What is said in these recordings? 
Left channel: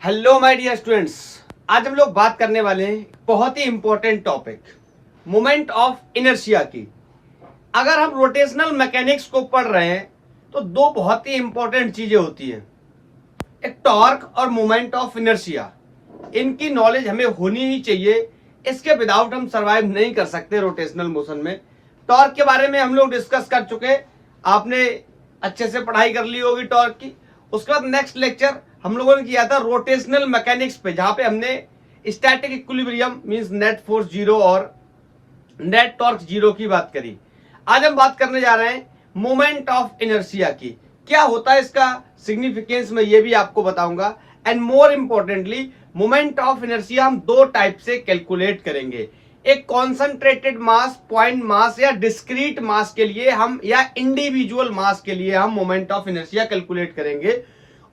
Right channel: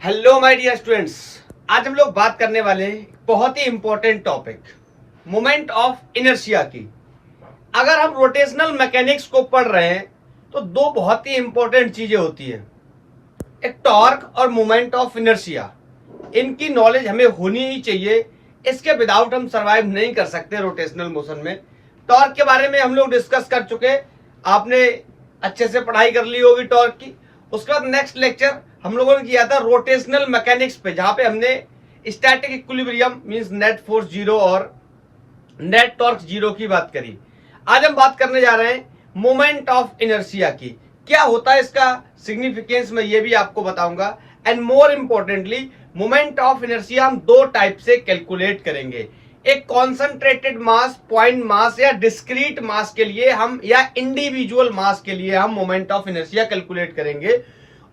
Hello my dear students, आज हम लोग बात करने वाले हैं बहुत ही important topic moment of inertia की। अगर हम रोटेशनल मैकेनिक्स को पढ़ रहे हैं तो दो बहुत ही इंपॉर्टेंट चीजें होती हैं, एक टॉर्क और मोमेंट ऑफ इनर्शिया। इनकी नॉलेज हमें होनी ही चाहिए, इसके विदाउट हम सरवाइव नहीं कर सकते रोटेशनल मोशन में। टॉर्क के बारे में हम लोग डिस्कस कर चुके, आपने अच्छे से पढ़ाई कर ली होगी टॉर्क की। उसके बाद नेक्स्ट लेक्चर हम लोगों ने किया था रोटेशनल मैकेनिक्स पे, जहां पे हमने static equilibrium means net force zero और नेट टॉर्क जीरो की बात करी। आज हम बात करने जा रहे हैं मोमेंट ऑफ इनर्शिया की। क्या होता है इसका सिग्निफिकेंस मैं ये भी आपको बताऊंगा, and more importantly moment of inertia हम दो टाइप से कैलकुलेट करेंगे। एक कॉन्सेंट्रेटेड मास, पॉइंट मास या डिस्क्रीट मास के लिए हम, या इंडिविजुअल मास के लिए हम मोमेंट ऑफ इनर्शिया कैलकुलेट करेंगे,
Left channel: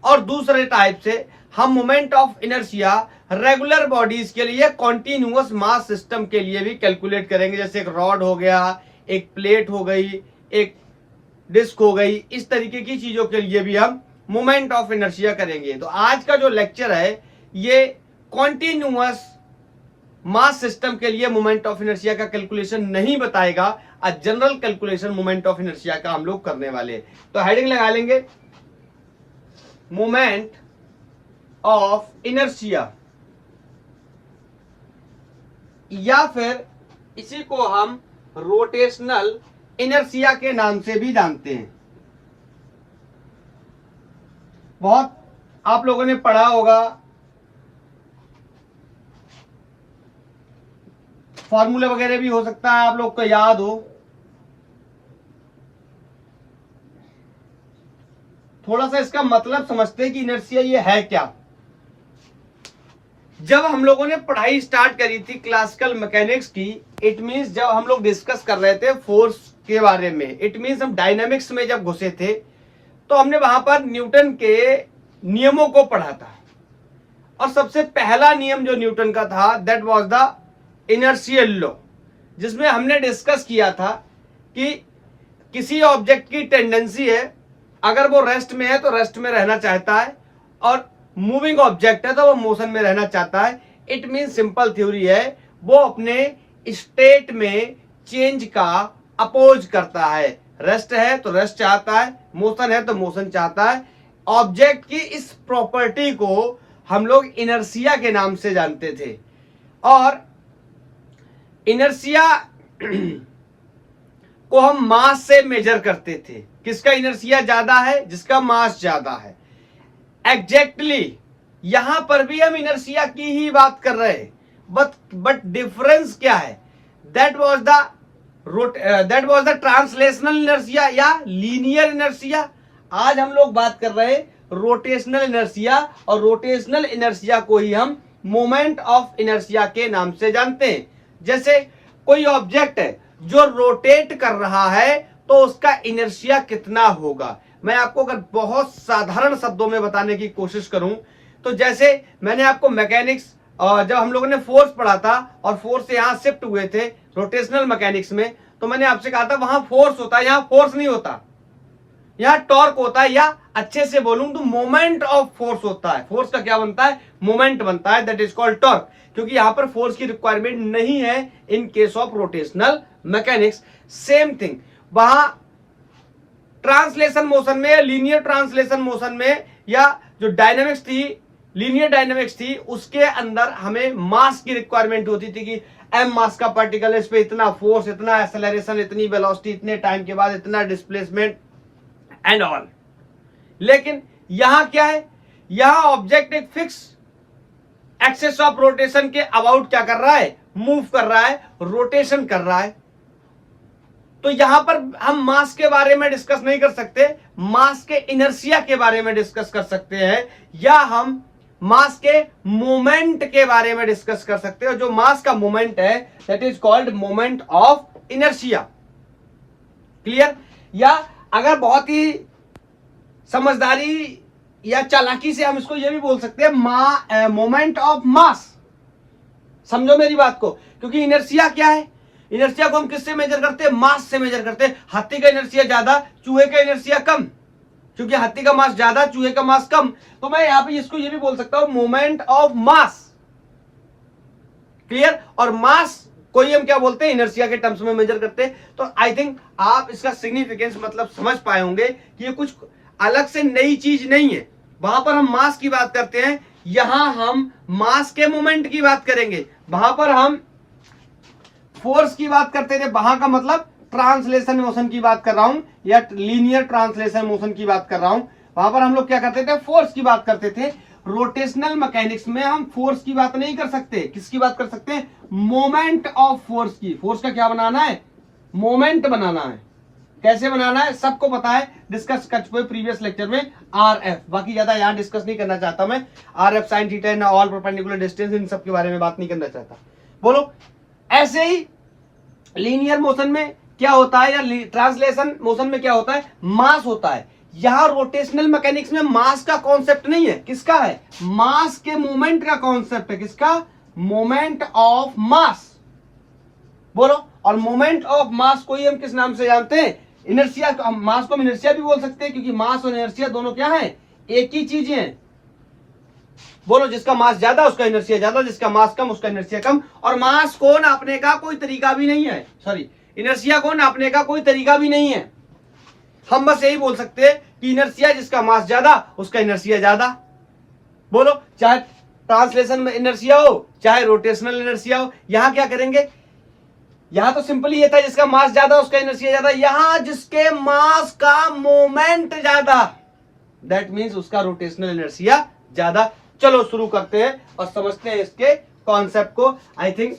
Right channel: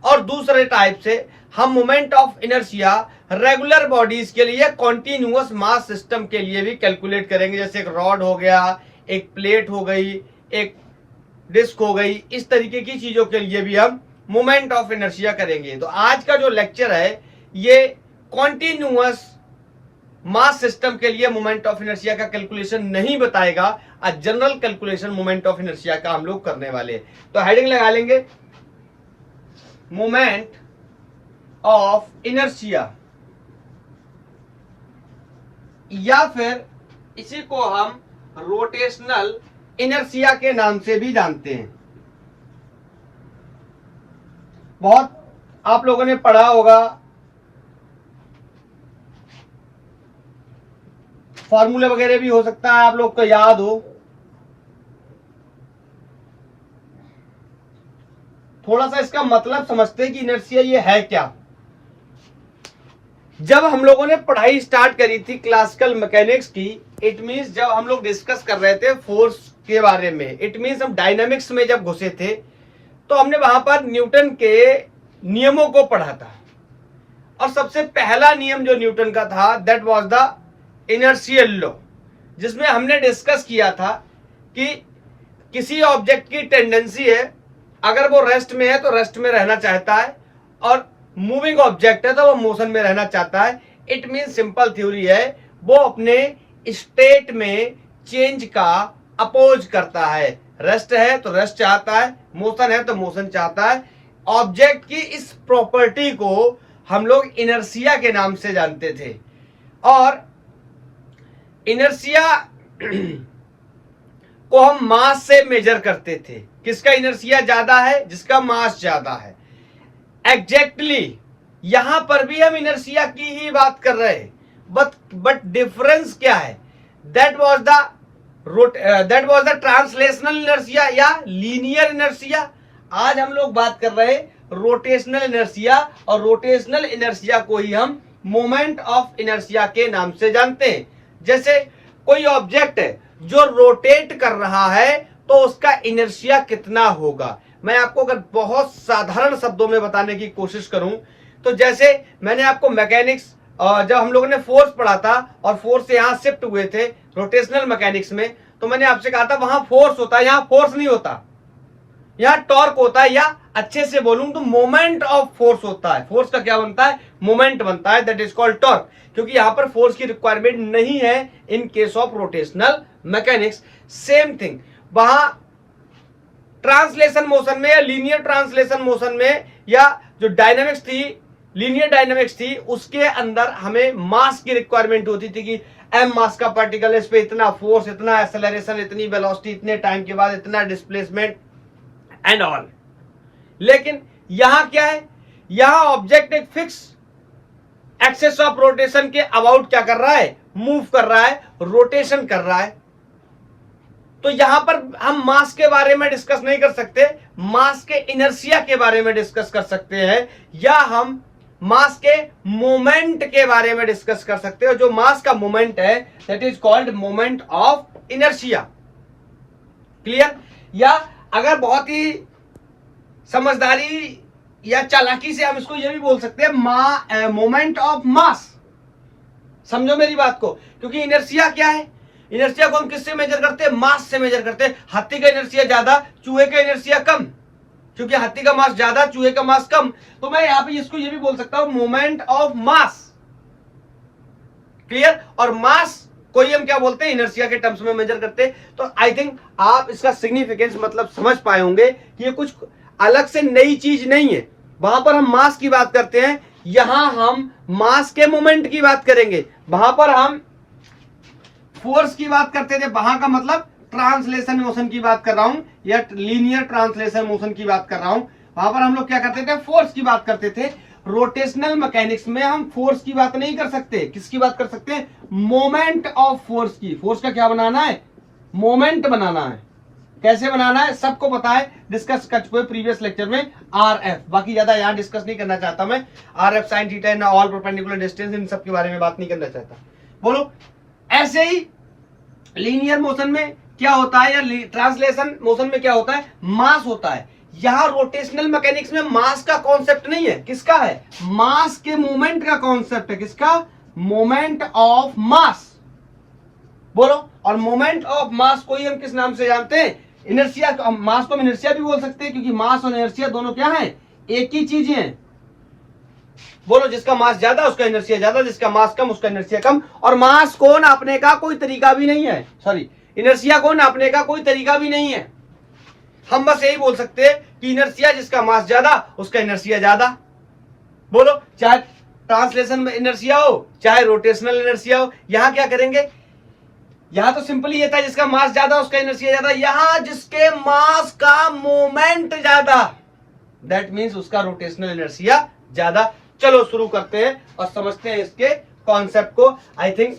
और दूसरे टाइप से हम moment of inertia regular bodies के लिए, कॉन्टिन्यूअस मास सिस्टम के लिए भी कैलकुलेट करेंगे। जैसे एक रॉड हो गया, एक प्लेट हो गई, एक डिस्क हो गई, इस तरीके की चीजों के लिए भी हम मोमेंट ऑफ इनर्शिया करेंगे। तो आज का जो लेक्चर है ये कॉन्टिन्यूअस मास सिस्टम के लिए मोमेंट ऑफ इनर्शिया का कैलकुलेशन नहीं बताएगा, general calculation moment of inertia का हम लोग करने वाले। तो हेडिंग लगा लेंगे मोमेंट ऑफ इनर्शिया, या फिर इसी को हम रोटेशनल इनर्शिया के नाम से भी जानते हैं। बहुत आप लोगों ने पढ़ा होगा, फॉर्मूले वगैरह भी हो सकता है आप लोग को याद हो। थोड़ा सा इसका मतलब समझते हैं कि इनर्शिया ये है क्या। जब हम लोगों ने पढ़ाई स्टार्ट करी थी क्लासिकल मैकेनिक्स की, इट मींस जब हम लोग डिस्कस कर रहे थे फोर्स के बारे में, इट मींस हम डायनामिक्स में जब घुसे थे तो हमने वहां पर न्यूटन के नियमों को पढ़ा था। और सबसे पहला नियम जो न्यूटन का था that was the inertial law, जिसमें हमने डिस्कस किया था कि किसी ऑब्जेक्ट की टेंडेंसी है, अगर वो रेस्ट में है तो रेस्ट में रहना चाहता है, और मूविंग ऑब्जेक्ट है तो वो मोशन में रहना चाहता है। इट मीन सिंपल थ्योरी है, वो अपने स्टेट में चेंज का अपोज करता है। रेस्ट है तो रेस्ट चाहता है, मोशन है तो मोशन चाहता है। ऑब्जेक्ट की इस प्रॉपर्टी को हम लोग इनर्शिया के नाम से जानते थे। और इनर्शिया को हम मास से मेजर करते थे। किसका इनर्शिया ज्यादा है? जिसका मास ज्यादा है। एग्जैक्टली यहां पर भी हम इनर्शिया की ही बात कर रहे हैं, बट डिफरेंस क्या है? That was the translational inertia या लीनियर इनर्शिया। आज हम लोग बात कर रहे हैं रोटेशनल इनर्शिया, और रोटेशनल इनर्शिया को ही हम मोमेंट ऑफ इनर्शिया के नाम से जानते हैं। जैसे कोई ऑब्जेक्ट है जो रोटेट कर रहा है तो उसका इनर्शिया कितना होगा। मैं आपको अगर बहुत साधारण शब्दों में बताने की कोशिश करूं तो जैसे मैंने आपको मैकेनिक्स, जब हम लोगों ने फोर्स पढ़ा था और फोर्स से यहां शिफ्ट हुए थे रोटेशनल मैकेनिक्स में, तो मैंने आपसे कहा था वहां फोर्स होता है, यहां फोर्स नहीं होता, यहां टॉर्क होता है, या अच्छे से बोलूं तो मोमेंट ऑफ फोर्स होता है। फोर्स का क्या बनता है? मोमेंट बनता है, दैट इज कॉल्ड टॉर्क, क्योंकि यहां पर फोर्स की रिक्वायरमेंट नहीं है in case of rotational mechanics. Same thing वहां ट्रांसलेशन मोशन में या लीनियर ट्रांसलेशन मोशन में, या जो डायनामिक्स थी, लीनियर डायनामिक्स थी, उसके अंदर हमें मास की रिक्वायरमेंट होती थी कि एम मास का पार्टिकल है, इस पे इतना फोर्स, इतना एक्सेलरेशन, इतनी वेलोसिटी, इतने टाइम के बाद इतना डिस्प्लेसमेंट एंड ऑल। लेकिन यहां क्या है? यहां ऑब्जेक्ट एक फिक्स एक्सेस ऑफ रोटेशन के अबाउट क्या कर रहा है? मूव कर रहा है, रोटेशन कर रहा है। तो यहां पर हम मास के बारे में डिस्कस नहीं कर सकते, मास के इनर्शिया के बारे में डिस्कस कर सकते हैं, या हम मास के मोमेंट के बारे में डिस्कस कर सकते हैं। जो मास का मोमेंट है that is called moment of inertia. Clear? या अगर बहुत ही समझदारी या चालाकी से हम इसको ये भी बोल सकते हैं मोमेंट ऑफ मास। समझो मेरी बात को, क्योंकि इनर्शिया क्या है? इनर्शिया को हम किससे मेजर करते हैं? मास से मेजर करते हैं। हाथी का इनर्शिया ज्यादा, चूहे का इनर्शिया कम। क्योंकि हाथी का मास ज्यादा, चूहे का मास कम, तो मैं यहां पे इसको ये भी बोल सकता हूं मोमेंट ऑफ मास। क्लियर? और मास को ही हम क्या बोलते हैं, इनर्शिया के टर्म्स में मेजर करते हैं। तो आई थिंक आप इसका सिग्निफिकेंस मतलब समझ पाए होंगे कि ये कुछ अलग से नई चीज नहीं है। वहां पर हम मास की बात करते हैं, यहां हम मास के मोमेंट की बात करेंगे। वहां पर हम फोर्स की बात करते थे, वहां का मतलब ट्रांसलेशन मोशन की बात कर रहा हूं या लीनियर ट्रांसलेशन मोशन की बात कर रहा हूं। वहां पर हम लोग क्या करते थे, फोर्स की बात करते थे। रोटेशनल मैकेनिक्स में हम फोर्स की बात नहीं कर सकते, किसकी बात कर सकते हैं, मोमेंट ऑफ फोर्स की। फोर्स का क्या बनाना है, मोमेंट बनाना है। कैसे बनाना है सबको पता है, डिस्कस कर चुके प्रीवियस लेक्चर में आरएफ। बाकी ज्यादा यहां डिस्कस नहीं करना चाहता मैं, RF sine theta and all perpendicular distance, इन सब के बारे में बात नहीं करना चाहता। बोलो, ऐसे ही लीनियर मोशन में क्या होता है या ट्रांसलेशन मोशन में क्या होता है, मास होता है। यहां रोटेशनल मैकेनिक्स में मास का कॉन्सेप्ट नहीं है, किसका है, मास के मोमेंट का कॉन्सेप्ट है। किसका, मोमेंट ऑफ मास। बोलो, और मोमेंट ऑफ मास को ही हम किस नाम से जानते हैं, इनर्शिया। मास को हम इनर्शिया भी बोल सकते हैं, क्योंकि मास और इनर्शिया दोनों क्या है, एक ही चीज है। बोलो, जिसका मास ज्यादा उसका इनर्शिया ज्यादा, जिसका मास कम उसका इनर्शिया कम। और मास को नापने का कोई तरीका भी नहीं है, सॉरी, इनर्शिया को नापने का कोई तरीका भी नहीं है। हम बस यही बोल सकते हैं कि इनर्शिया जिसका मास ज्यादा उसका इनर्शिया ज्यादा। बोलो, चाहे ट्रांसलेशन में इनर्शिया हो चाहे रोटेशनल इनर्शिया हो, यहां क्या करेंगे, यहां तो सिंपली ये था जिसका मास ज्यादा उसका इनर्शिया ज्यादा। यहां जिसके मास का मोमेंट ज्यादा, दैट मींस उसका रोटेशनल इनर्शिया ज्यादा। चलो शुरू करते हैं और समझते हैं इसके कॉन्सेप्ट को। आई थिंक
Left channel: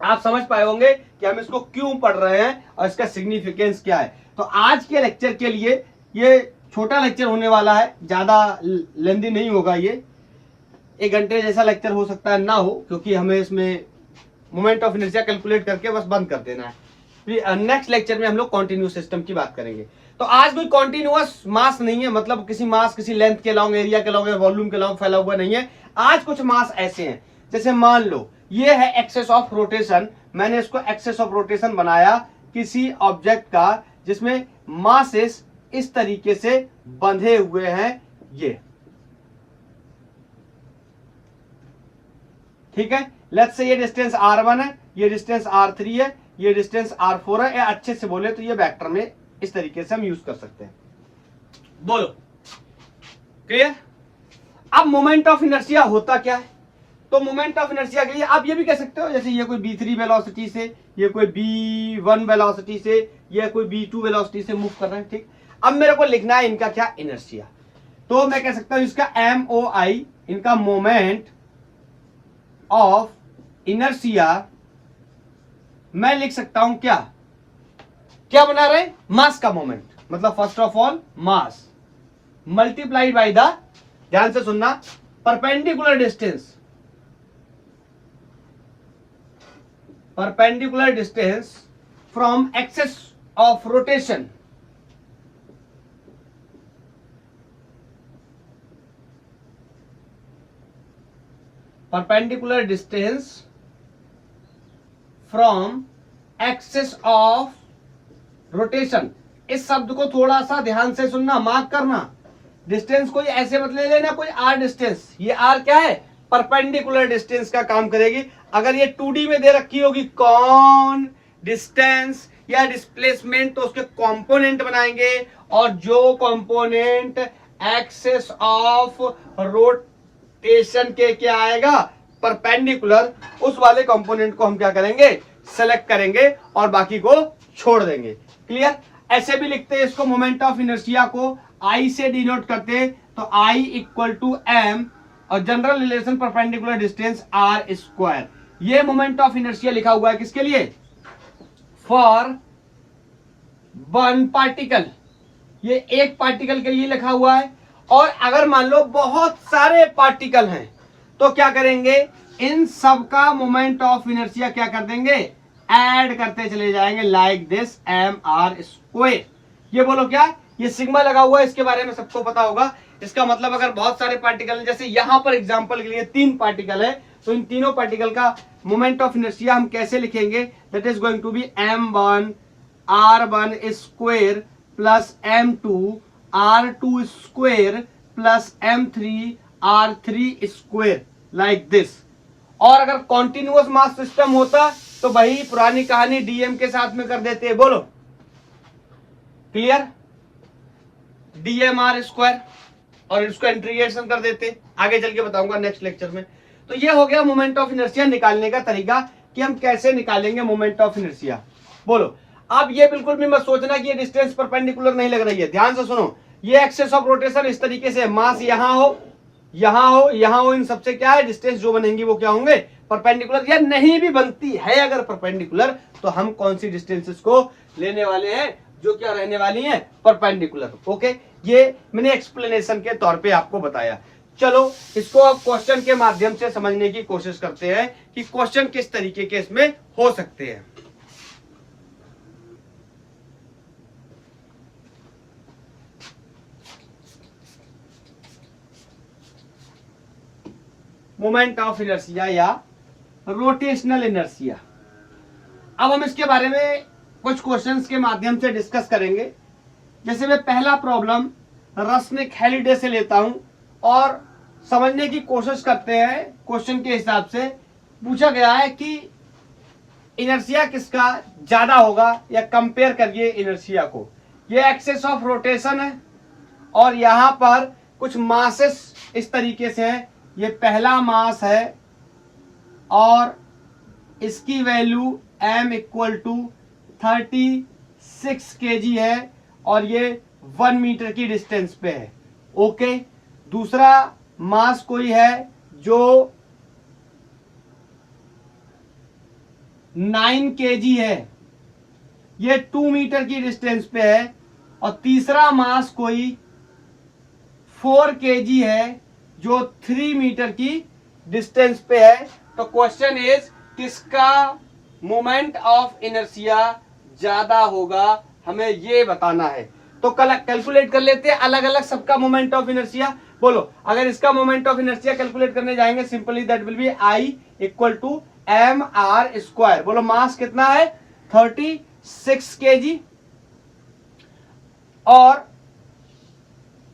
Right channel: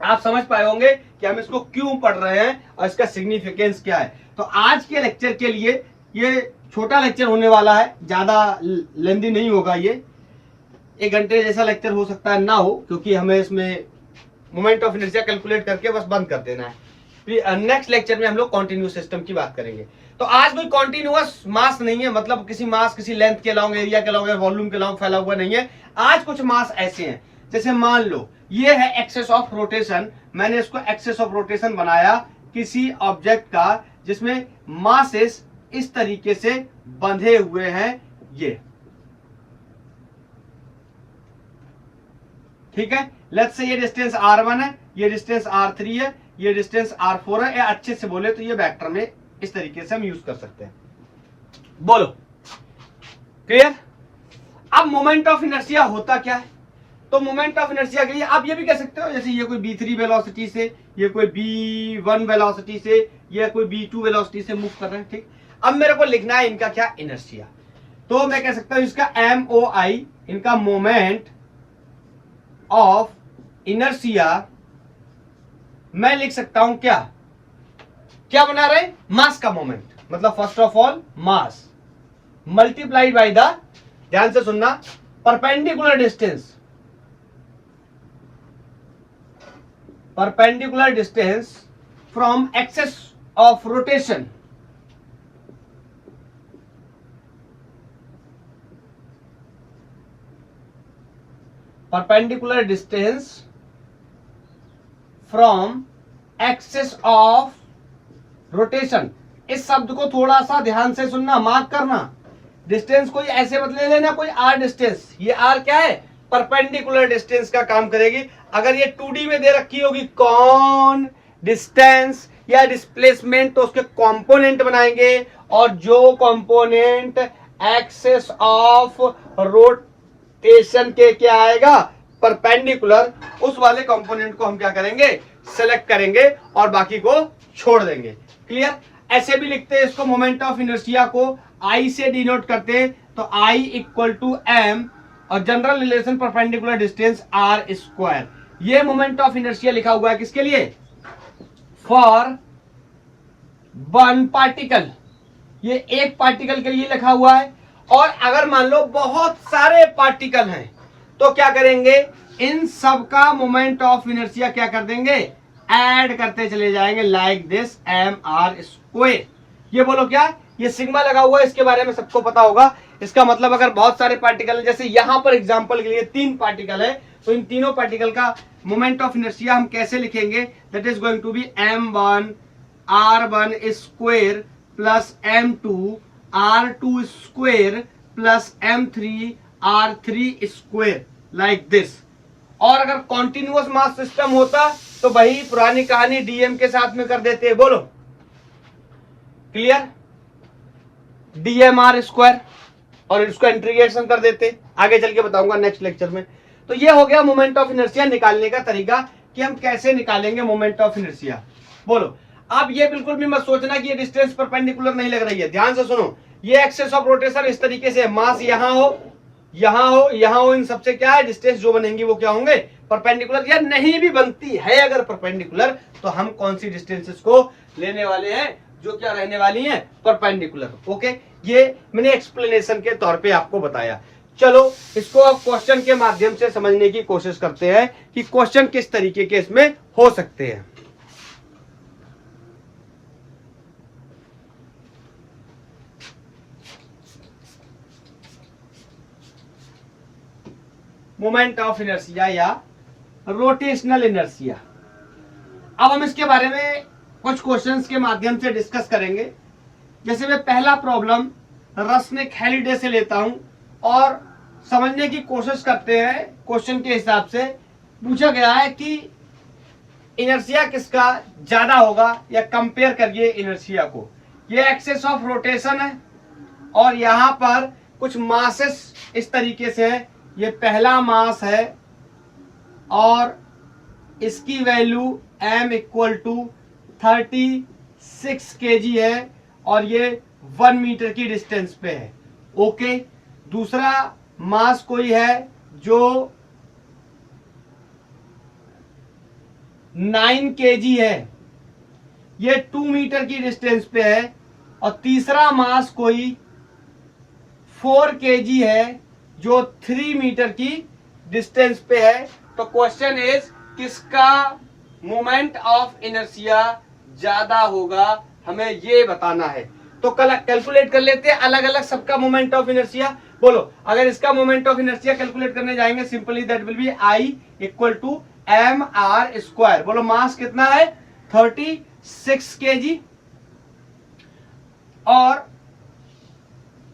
आप समझ पाए होंगे कि हम इसको क्यों पढ़ रहे हैं और इसका सिग्निफिकेंस क्या है। तो आज के लेक्चर के लिए ये छोटा लेक्चर होने वाला है, ज्यादा लेंदी नहीं होगा। ये 1 घंटे जैसा लेक्चर हो सकता है ना हो, क्योंकि हमें इसमें मोमेंट ऑफ इनर्शिया कैलकुलेट करके बस बंद कर देना है। फिर नेक्स्ट लेक्चर में हम लोग कॉन्टिन्यूस सिस्टम की बात करेंगे। तो आज कोई कॉन्टिन्यूअस मास नहीं है, मतलब किसी मास किसी लेंथ के लॉन्ग, एरिया के लॉन्ग, वॉल्यूम के लॉन्ग फैला हुआ नहीं है। आज कुछ मास ऐसे हैं, जैसे मान लो ये है एक्सेस ऑफ रोटेशन। मैंने इसको एक्सेस ऑफ रोटेशन बनाया किसी ऑब्जेक्ट का जिसमें मासेस इस तरीके से बंधे हुए हैं, ये ठीक है। लेट्स से ये डिस्टेंस r1 है, ये डिस्टेंस r3 है, ये डिस्टेंस r4 है। या अच्छे से बोले तो ये वेक्टर में इस तरीके से हम यूज कर सकते हैं। बोलो, क्लियर? अब मोमेंट ऑफ इनर्शिया होता क्या है, तो मोमेंट ऑफ इनर्शिया के लिए आप ये भी कह सकते हो, जैसे ये कोई b3 वेलोसिटी से, ये कोई b1 वेलोसिटी से, ये कोई b2 वेलोसिटी से मूव कर रहे हैं, ठीक। अब मेरे को लिखना है इनका क्या, इनर्शिया। तो मैं कह सकता हूं इसका MOI, इनका मोमेंट ऑफ इनर्शिया मैं लिख सकता हूं क्या, क्या बना रहे, मास का मोमेंट। मतलब first of all mass multiplied by the, ध्यान से सुनना, perpendicular distance, perpendicular distance from axis of rotation, perpendicular distance from axis of rotation। इस शब्द को थोड़ा सा ध्यान से सुनना, मार्क करना। डिस्टेंस कोई ऐसे मत ले लेना, कोई आर डिस्टेंस, ये आर क्या है, परपेंडिकुलर डिस्टेंस का काम करेगी। अगर ये 2D में दे रखी होगी कौन, डिस्टेंस या डिस्प्लेसमेंट, तो उसके कंपोनेंट बनाएंगे, और जो कंपोनेंट एक्सिस ऑफ रोटेशन के क्या आएगा, परपेंडिकुलर, उस वाले कंपोनेंट को हम क्या करेंगे, सेलेक्ट करेंगे और बाकी को छोड़ देंगे। क्लियर? ऐसे भी लिखते हैं इसको, मोमेंट ऑफ इनर्शिया को I से डिनोट करते हैं, तो I इक्वल टू M और general relation perpendicular distance R square. ये मोमेंट ऑफ इनर्शिया लिखा हुआ है किसके लिए, फॉर वन पार्टिकल, ये एक पार्टिकल के लिए लिखा हुआ है। और अगर मान लो बहुत सारे पार्टिकल हैं तो क्या करेंगे, इन सब का मोमेंट ऑफ इनर्शिया क्या कर देंगे, ऐड करते चले जाएंगे, लाइक दिस MR स्क्वायर। ये बोलो क्या, ये सिग्मा लगा हुआ है, इसके बारे में सबको पता होगा। इसका मतलब अगर बहुत सारे पार्टिकल, जैसे यहां पर एग्जांपल के लिए 3 पार्टिकल है, तो इन तीनों पार्टिकल का मोमेंट ऑफ इनर्शिया हम कैसे लिखेंगे, that is going to be M1 R1 square plus M2 r2 square plus m3 r3 square like this. और अगर कॉन्टिन्यूअस मास सिस्टम होता तो वही पुरानी कहानी डीएम के साथ में कर देते। बोलो क्लियर, डीएम आर स्क्वायर, और इसको इंटीग्रेशन कर देते। आगे चल के बताऊंगा नेक्स्ट लेक्चर में। तो ये हो गया मोमेंट ऑफ इनर्शिया निकालने का तरीका कि हम कैसे निकालेंगे मोमेंट ऑफ इनर्शिया। बोलो अब ये बिल्कुल भी मत सोचना कि ये डिस्टेंस परपेंडिकुलर नहीं लग रही है। ध्यान से सुनो, ये एक्सेस ऑफ रोटेशन इस तरीके से, मास यहां हो, यहां हो, यहां हो, इन सबसे क्या है डिस्टेंस जो बनेंगी वो क्या होंगे परपेंडिकुलर। या नहीं भी बनती है अगर परपेंडिकुलर तो हम कौन सी डिस्टेंसेस को लेने वाले हैं जो क्या रहने वाली है परपेंडिकुलर। ओके, ये मैंने एक्सप्लेनेशन के तौर पे आपको बताया। चलो इसको क्वेश्चन के माध्यम से समझने की कोशिश करते हैं कि क्वेश्चन किस तरीके के इसमें हो सकते हैं। मोमेंट ऑफ इनर्शिया या रोटेशनल इनर्शिया। अब हम इसके बारे में कुछ क्वेश्चंस के माध्यम से डिस्कस करेंगे। जैसे मैं पहला प्रॉब्लम रसनिक हैलिडे से लेता हूं और समझने की कोशिश करते हैं। क्वेश्चन के हिसाब से पूछा गया है कि इनर्शिया किसका ज्यादा होगा, या कंपेयर करिए इनर्शिया को। ये एक्सेस ऑफ रोटेशन है और यहां पर कुछ मासेस इस तरीके से है। ये पहला मास है और इसकी value m equal to 36 kg है और ये 1 मीटर की डिस्टेंस पे है। ओके, दूसरा मास कोई है जो 9 kg है, ये 2 मीटर की डिस्टेंस पे है। और तीसरा मास कोई 4 kg है जो 3 मीटर की डिस्टेंस पे है। तो क्वेश्चन इज किसका मोमेंट ऑफ इनर्शिया ज्यादा होगा, हमें ये बताना है। तो कल कैलकुलेट कर लेते हैं अलग अलग सबका मोमेंट ऑफ इनर्शिया। बोलो अगर इसका मोमेंट ऑफ इनर्शिया कैलकुलेट करने जाएंगे simply that will be I equal to M R square. बोलो मास कितना है 36 kg और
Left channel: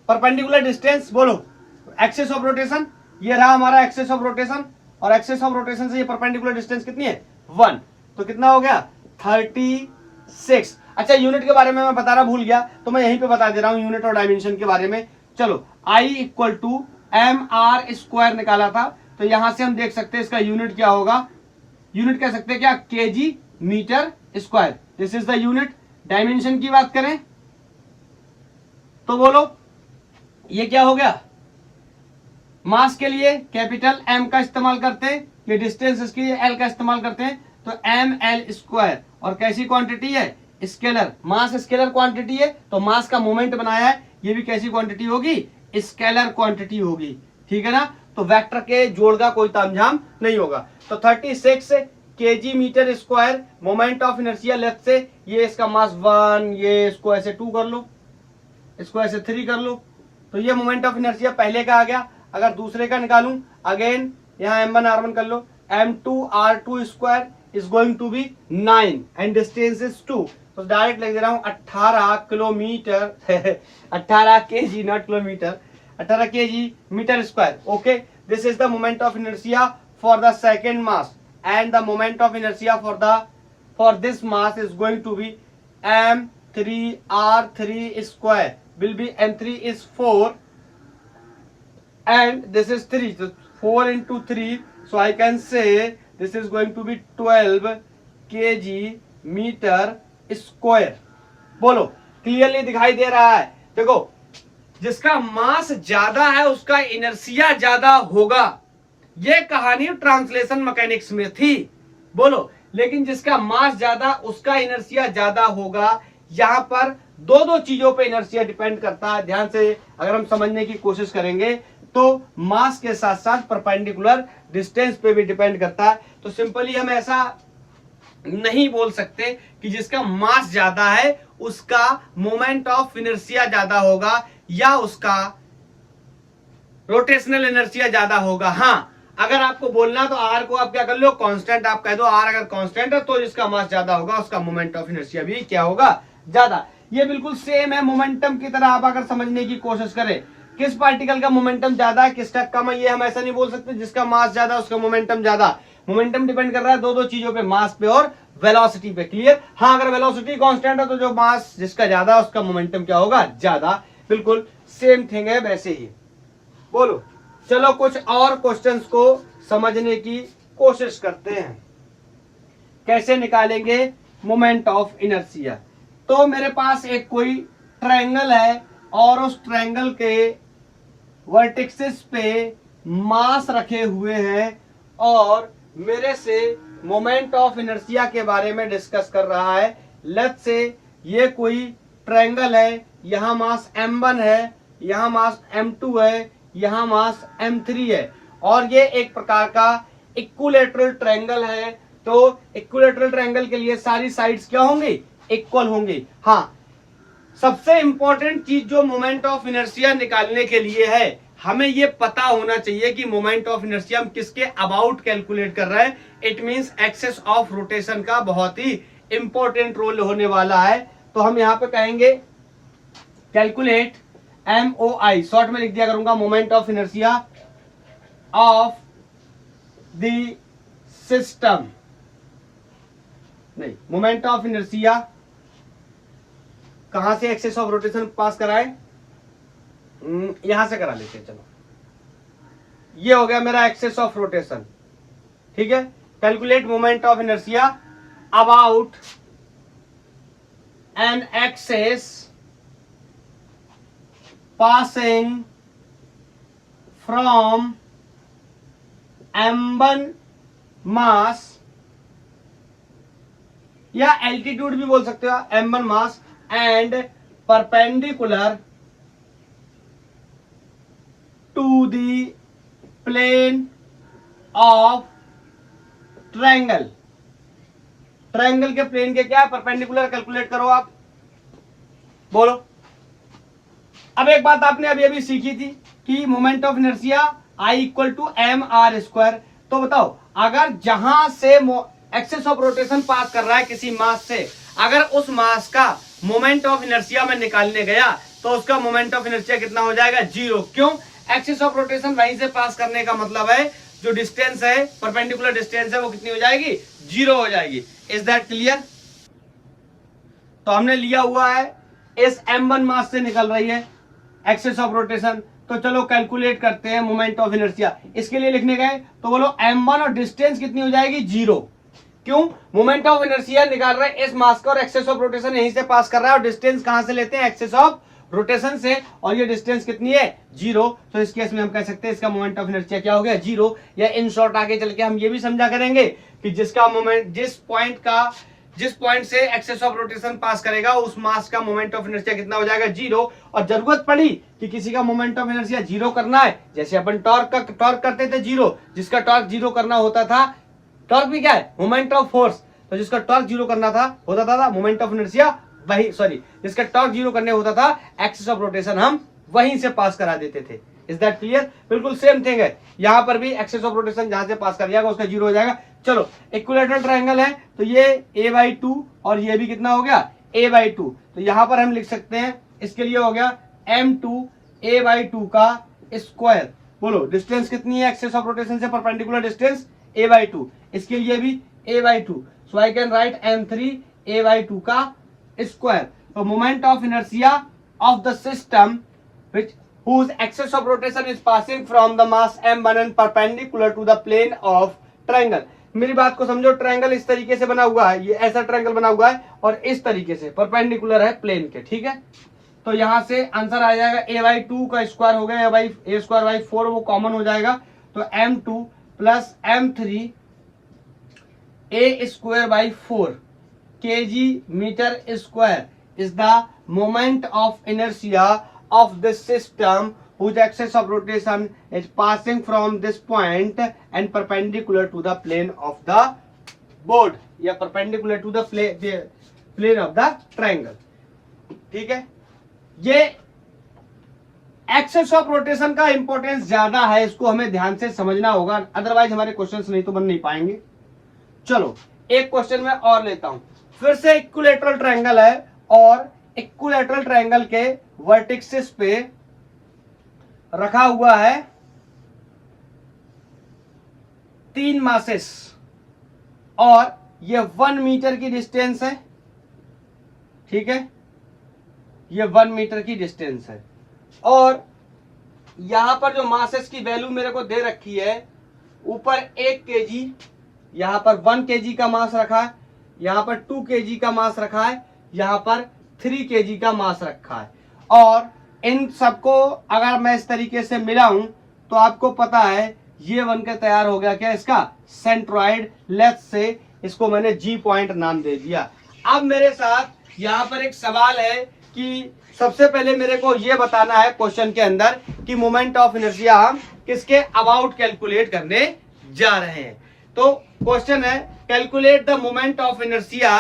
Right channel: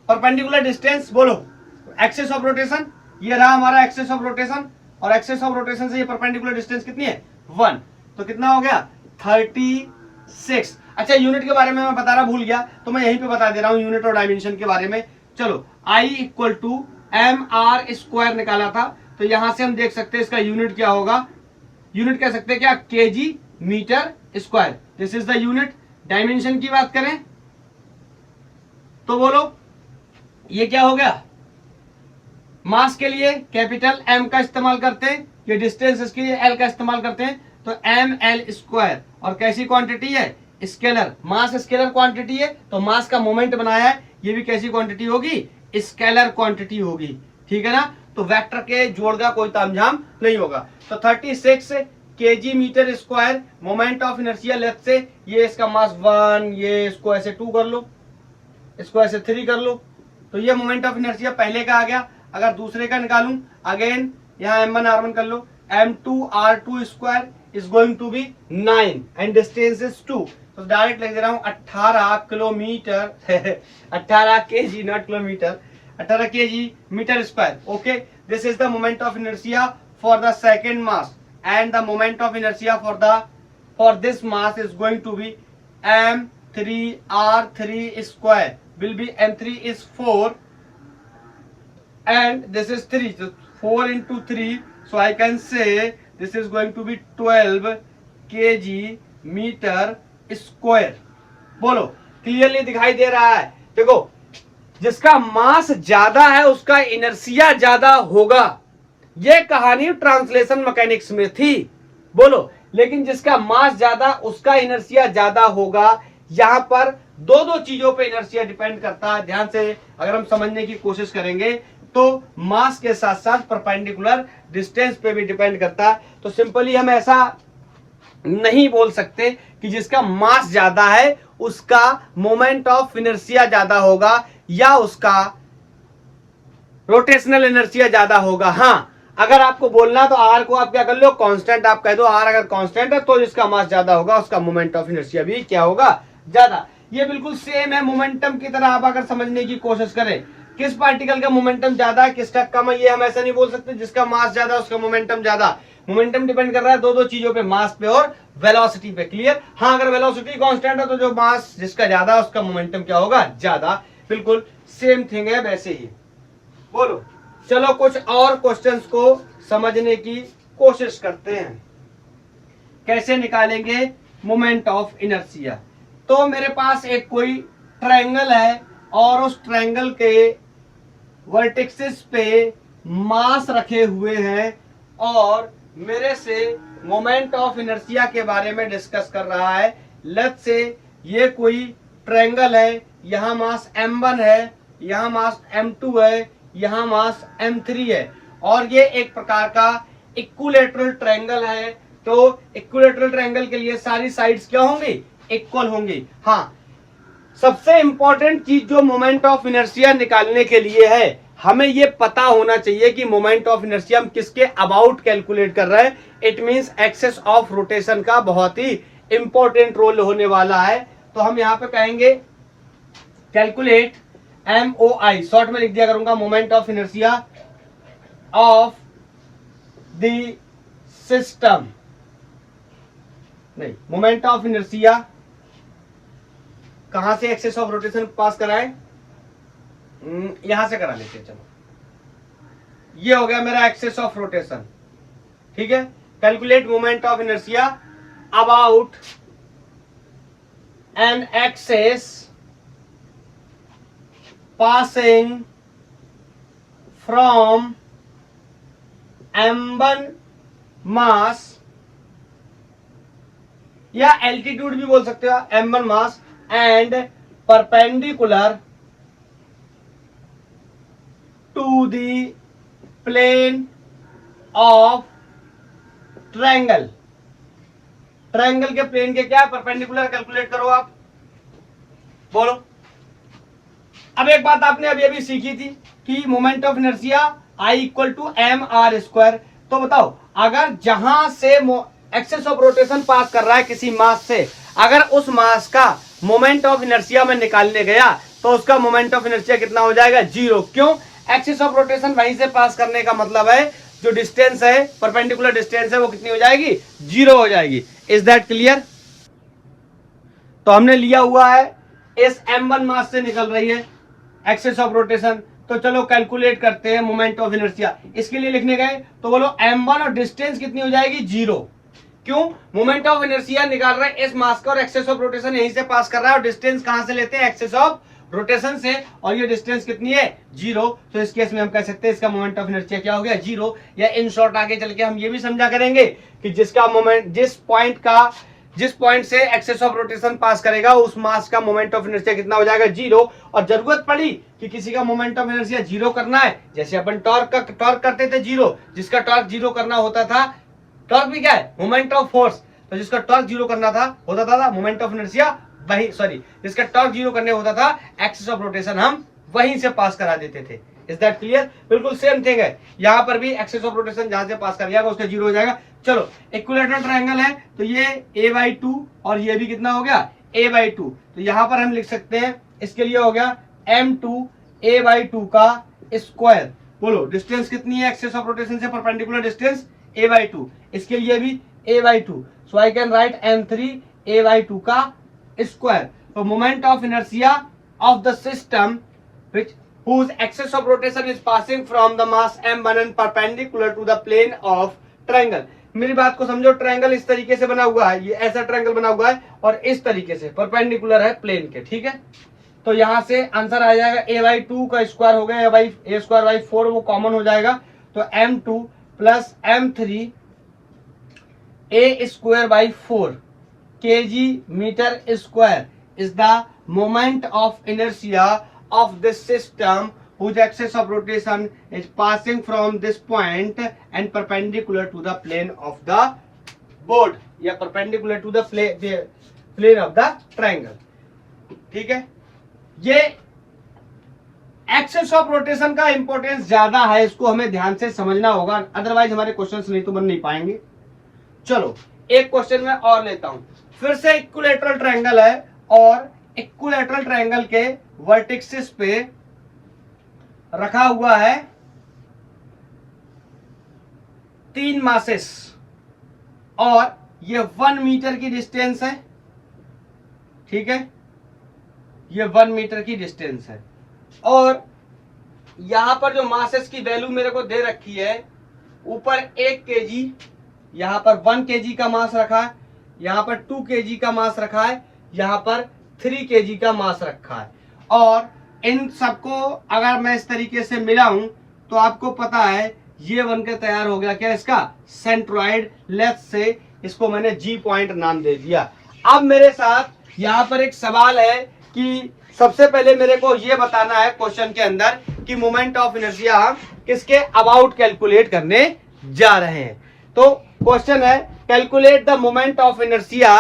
परपेंडिकुलर डिस्टेंस बोलो एक्सेस ऑफ रोटेशन, ये रहा हमारा एक्सेस ऑफ रोटेशन और एक्सेस ऑफ रोटेशन से ये परपेंडिकुलर डिस्टेंस कितनी है 1। तो कितना हो गया 36। अच्छा यूनिट के बारे में मैं बता रहा भूल गया तो मैं यहीं पे बता दे रहा हूं यूनिट और डायमेंशन के बारे में। चलो I equal to M R square निकाला था तो यहां से हम देख सकते हैं इसका यूनिट क्या होगा। यूनिट कह सकते हैं क्या KG metre square, this is the unit. Dimension की बात करें तो बोलो ये क्या हो गया, मास के लिए कैपिटल M का इस्तेमाल करते हैं, ये डिस्टेंस इसके लिए L का इस्तेमाल करते हैं तो एम एल स्क्वायर। और कैसी क्वांटिटी है स्केलर, मास स्केलर क्वांटिटी है तो मास का मोमेंट बनाया है, ये भी कैसी क्वांटिटी होगी स्केलर क्वांटिटी होगी। ठीक है ना, तो वेक्टर के जोड़ का कोई तामझाम नहीं होगा। तो 36 kg metre square moment of inertia. Left से ये इसका मास 1, ये इसको ऐसे 2 कर लो, इसको ऐसे 3 कर लो, तो ये मोमेंट ऑफ इनर्शिया पहले का आ गया। अगर दूसरे का निकालूं अगेन यहाँ m1 r1 कर लो, m2 r2 square is going to be 9 and distance is 2। तो डायरेक्ट लिख दे रहा हूं 18 kilometre 18 kg not kilometre, 18 kg metre square. Okay, this is the moment of inertia for the second mass and the moment of inertia for this mass is going to be m3 r3 square will be m3 is 4 and this is 3, so 4 into 3, so I can say this is going to be 12 kg metre square. बोलो clearly दिखाई दे रहा है। देखो जिसका मास ज्यादा है उसका इनर्शिया ज्यादा होगा, ये कहानी ट्रांसलेशन मैकेनिक्स में थी। बोलो लेकिन जिसका मास ज्यादा उसका इनर्शिया ज्यादा होगा। यहां पर दो चीजों पे इनर्शिया डिपेंड करता है। ध्यान से अगर हम समझने की कोशिश करेंगे तो मास के साथ साथ परपेंडिकुलर डिस्टेंस पे भी डिपेंड करता है। तो सिंपली हम ऐसा नहीं बोल सकते कि जिसका मास ज्यादा है उसका मोमेंट ऑफ इनर्शिया ज्यादा होगा या उसका रोटेशनल इनर्शिया ज्यादा होगा। हाँ, अगर आपको बोलना तो आर को आप क्या कर लो कांस्टेंट, आप कह दो आर अगर कांस्टेंट है तो जिसका मास ज्यादा होगा उसका मोमेंट ऑफ इनर्शिया भी क्या होगा ज्यादा। ये बिल्कुल सेम है मोमेंटम की तरह। आप अगर समझने की कोशिश करें किस पार्टिकल का मोमेंटम ज्यादा है किसका कम है, ये हम ऐसा नहीं बोल सकते जिसका मास ज्यादा उसका मोमेंटम ज्यादा। मोमेंटम डिपेंड कर रहा है दो चीजों पे, मास पे और वेलोसिटी पे। क्लियर? हाँ, अगर वेलोसिटी कांस्टेंट है तो जो मास जिसका ज्यादा है उसका मोमेंटम क्या होगा? ज्यादा। बिल्कुल सेम थिंग है वैसे ही। बोलो, चलो कुछ और क्वेश्चंस को समझने की कोशिश करते हैं। कैसे निकालेंगे मोमेंट ऑफ इनर्शिया? तो मेरे पास एक कोई ट्रायंगल है और उस ट्रायंगल के वर्टिक्सेस पे मास रखे हुए हैं और मेरे से मोमेंट ऑफ इनर्शिया के बारे में डिस्कस कर रहा है। लेट्स से ये कोई ट्रायंगल है, यहां मास m1 है, यहां मास m2 है, यहां मास m3 है और ये एक प्रकार का इक्विलैटरल ट्रायंगल है। तो इक्विलैटरल ट्रायंगल के लिए सारी साइड्स क्या होंगी? इक्वल होंगी। हाँ, सबसे इंपॉर्टेंट चीज जो मोमेंट ऑफ इनर्शिया निकालने के लिए है, हमें ये पता होना चाहिए कि मोमेंट ऑफ इनर्शिया हम किसके अबाउट कैलकुलेट कर रहे हैं। It means axis of rotation का बहुत ही इंपॉर्टेंट रोल होने वाला है। तो हम यहां पे कहेंगे कैलकुलेट MOI, शॉर्ट में लिख दिया करूंगा, moment of inertia of the system. नहीं, मोमेंट ऑफ इनर्शिया कहां से एक्सेस ऑफ रोटेशन पास कराए? यहां से करा लेते हैं। चलो, ये हो गया मेरा एक्सेस ऑफ रोटेशन। ठीक है, calculate moment of inertia about an axis passing from m1 mass, या एल्टीट्यूड भी बोल सकते हो, m1 mass and perpendicular to the plane of triangle. Triangle के प्लेन के क्या है? परपेंडिकुलर। कैलकुलेट करो आप, बोलो। अब एक बात आपने अभी अभी सीखी थी कि moment of inertia I equal to mr²। तो बताओ, अगर जहां से एक्सेस ऑफ रोटेशन पास कर रहा है किसी मास से, अगर उस मास का मोमेंट ऑफ इनर्शिया में निकालने गया तो उसका मोमेंट ऑफ इनर्शिया कितना हो जाएगा? 0। क्यों? एक्सेस ऑफ रोटेशन वहीं से पास करने का मतलब है जो डिस्टेंस है, परपेंडिकुलर डिस्टेंस है, वो कितनी हो जाएगी? 0 हो जाएगी। Is that clear? तो हमने लिया हुआ है इस m1 मास से निकल रही है एक्सेस ऑफ रोटेशन। तो चलो कैलकुलेट करते हैं मोमेंट ऑफ इनर्शिया। इसके लिए लिखने गए तो बोलो m1 और डिस्टेंस कितनी हो जाएगी? 0। क्यों? मोमेंट ऑफ इनर्शिया निकाल रहे हैं इस मास का और एक्सेस ऑफ रोटेशन यहीं से पास कर रहा है और डिस्टेंस कहां से लेते हैं? एक्सेस ऑफ रोटेशन से, और ये डिस्टेंस कितनी है? 0। तो इस केस में हम कह सकते हैं इसका मोमेंट ऑफ इनर्शिया क्या हो गया? 0। या इन शॉर्ट आगे चल के हम ये भी समझा करेंगे कि जिसका मोमेंट जिस पॉइंट से एक्सेस ऑफ रोटेशन पास करेगा उस मास का मोमेंट ऑफ इनर्शिया कितना हो जाएगा? 0। और जरूरत पड़ी कि किसी का मोमेंट ऑफ इनर्शिया 0 करना है, जैसे अपन टॉर्क करते थे 0, जिसका टॉर्क 0 करना होता था, टॉर्क भी क्या है? Moment of force. तो जिसका टॉर्क 0 करना होता था मोमेंट ऑफ इनर्शिया वही, सॉरी, जिसका टॉर्क 0 करने होता था एक्सेस ऑफ रोटेशन हम वहीं से पास करा देते थे। Is that clear? बिल्कुल सेम थिंग है, यहां पर भी एक्सेस ऑफ रोटेशन जहां से पास कर जाएगा उसका 0 हो जाएगा। चलो, इक्विलैटरल ट्रायंगल है तो ये a/2 और ये भी कितना हो गया? a/2। तो यहां पर हम लिख सकते हैं इसके लिए हो गया m2 a/2 का स्क्वायर। बोलो, डिस्टेंस कितनी है एक्सेस ऑफ रोटेशन से परपेंडिकुलर डिस्टेंस? a/2। इसके लिए भी a/2। So I can write m3 a/2 का स्क्वायर। तो moment of inertia of the system which whose axis of rotation is passing from the mass m1 and perpendicular to the plane of triangle। मेरी बात को समझो, triangle इस तरीके से बना हुआ है, ये ऐसा ट्रायंगल बना हुआ है और इस तरीके से परपेंडिकुलर है प्लेन के। ठीक है, तो यहां से आंसर आ जाएगा a/2 का स्क्वायर हो गया a²/4, वो कॉमन हो जाएगा। तो m2 plus m3 a²/4 kg metre square is the moment of inertia of this system whose axis of rotation is passing from this point and perpendicular to the plane of the board या perpendicular to the plane of the triangle। ठीक है, ये access of rotation का importance ज्यादा है, इसको हमें ध्यान से समझना होगा, अदरवाइज हमारे क्वेश्चंस नहीं तो बन नहीं पाएंगे। चलो, एक क्वेश्चन मैं और लेता हूं। फिर से इक्विलैटरल ट्रायंगल है और इक्विलैटरल ट्रायंगल के वर्टिक्सेस पे रखा हुआ है 3 मासेस और ये 1 मीटर की डिस्टेंस है, ठीक है, ये 1 मीटर की डिस्टेंस है। और यहां पर जो मासेस की वैल्यू मेरे को दे रखी है, ऊपर 1 kg, यहां पर 1 kg का मास रखा है, यहां पर 2 kg का मास रखा है, यहां पर 3 kg का मास रखा है। और इन सबको अगर मैं इस तरीके से मिलाऊं तो आपको पता है ये बनकर तैयार हो गया क्या, इसका सेंट्रॉइड। लेट्स से इसको मैंने जी पॉइंट नाम दे दिया। अब मेरे साथ यहाँ पर एक सवाल है कि सबसे पहले मेरे को ये बताना है क्वेश्चन के अंदर कि मोमेंट ऑफ इनर्शिया हम किसके अबाउट कैलकुलेट करने जा रहे हैं। तो क्वेश्चन है calculate the moment of inertia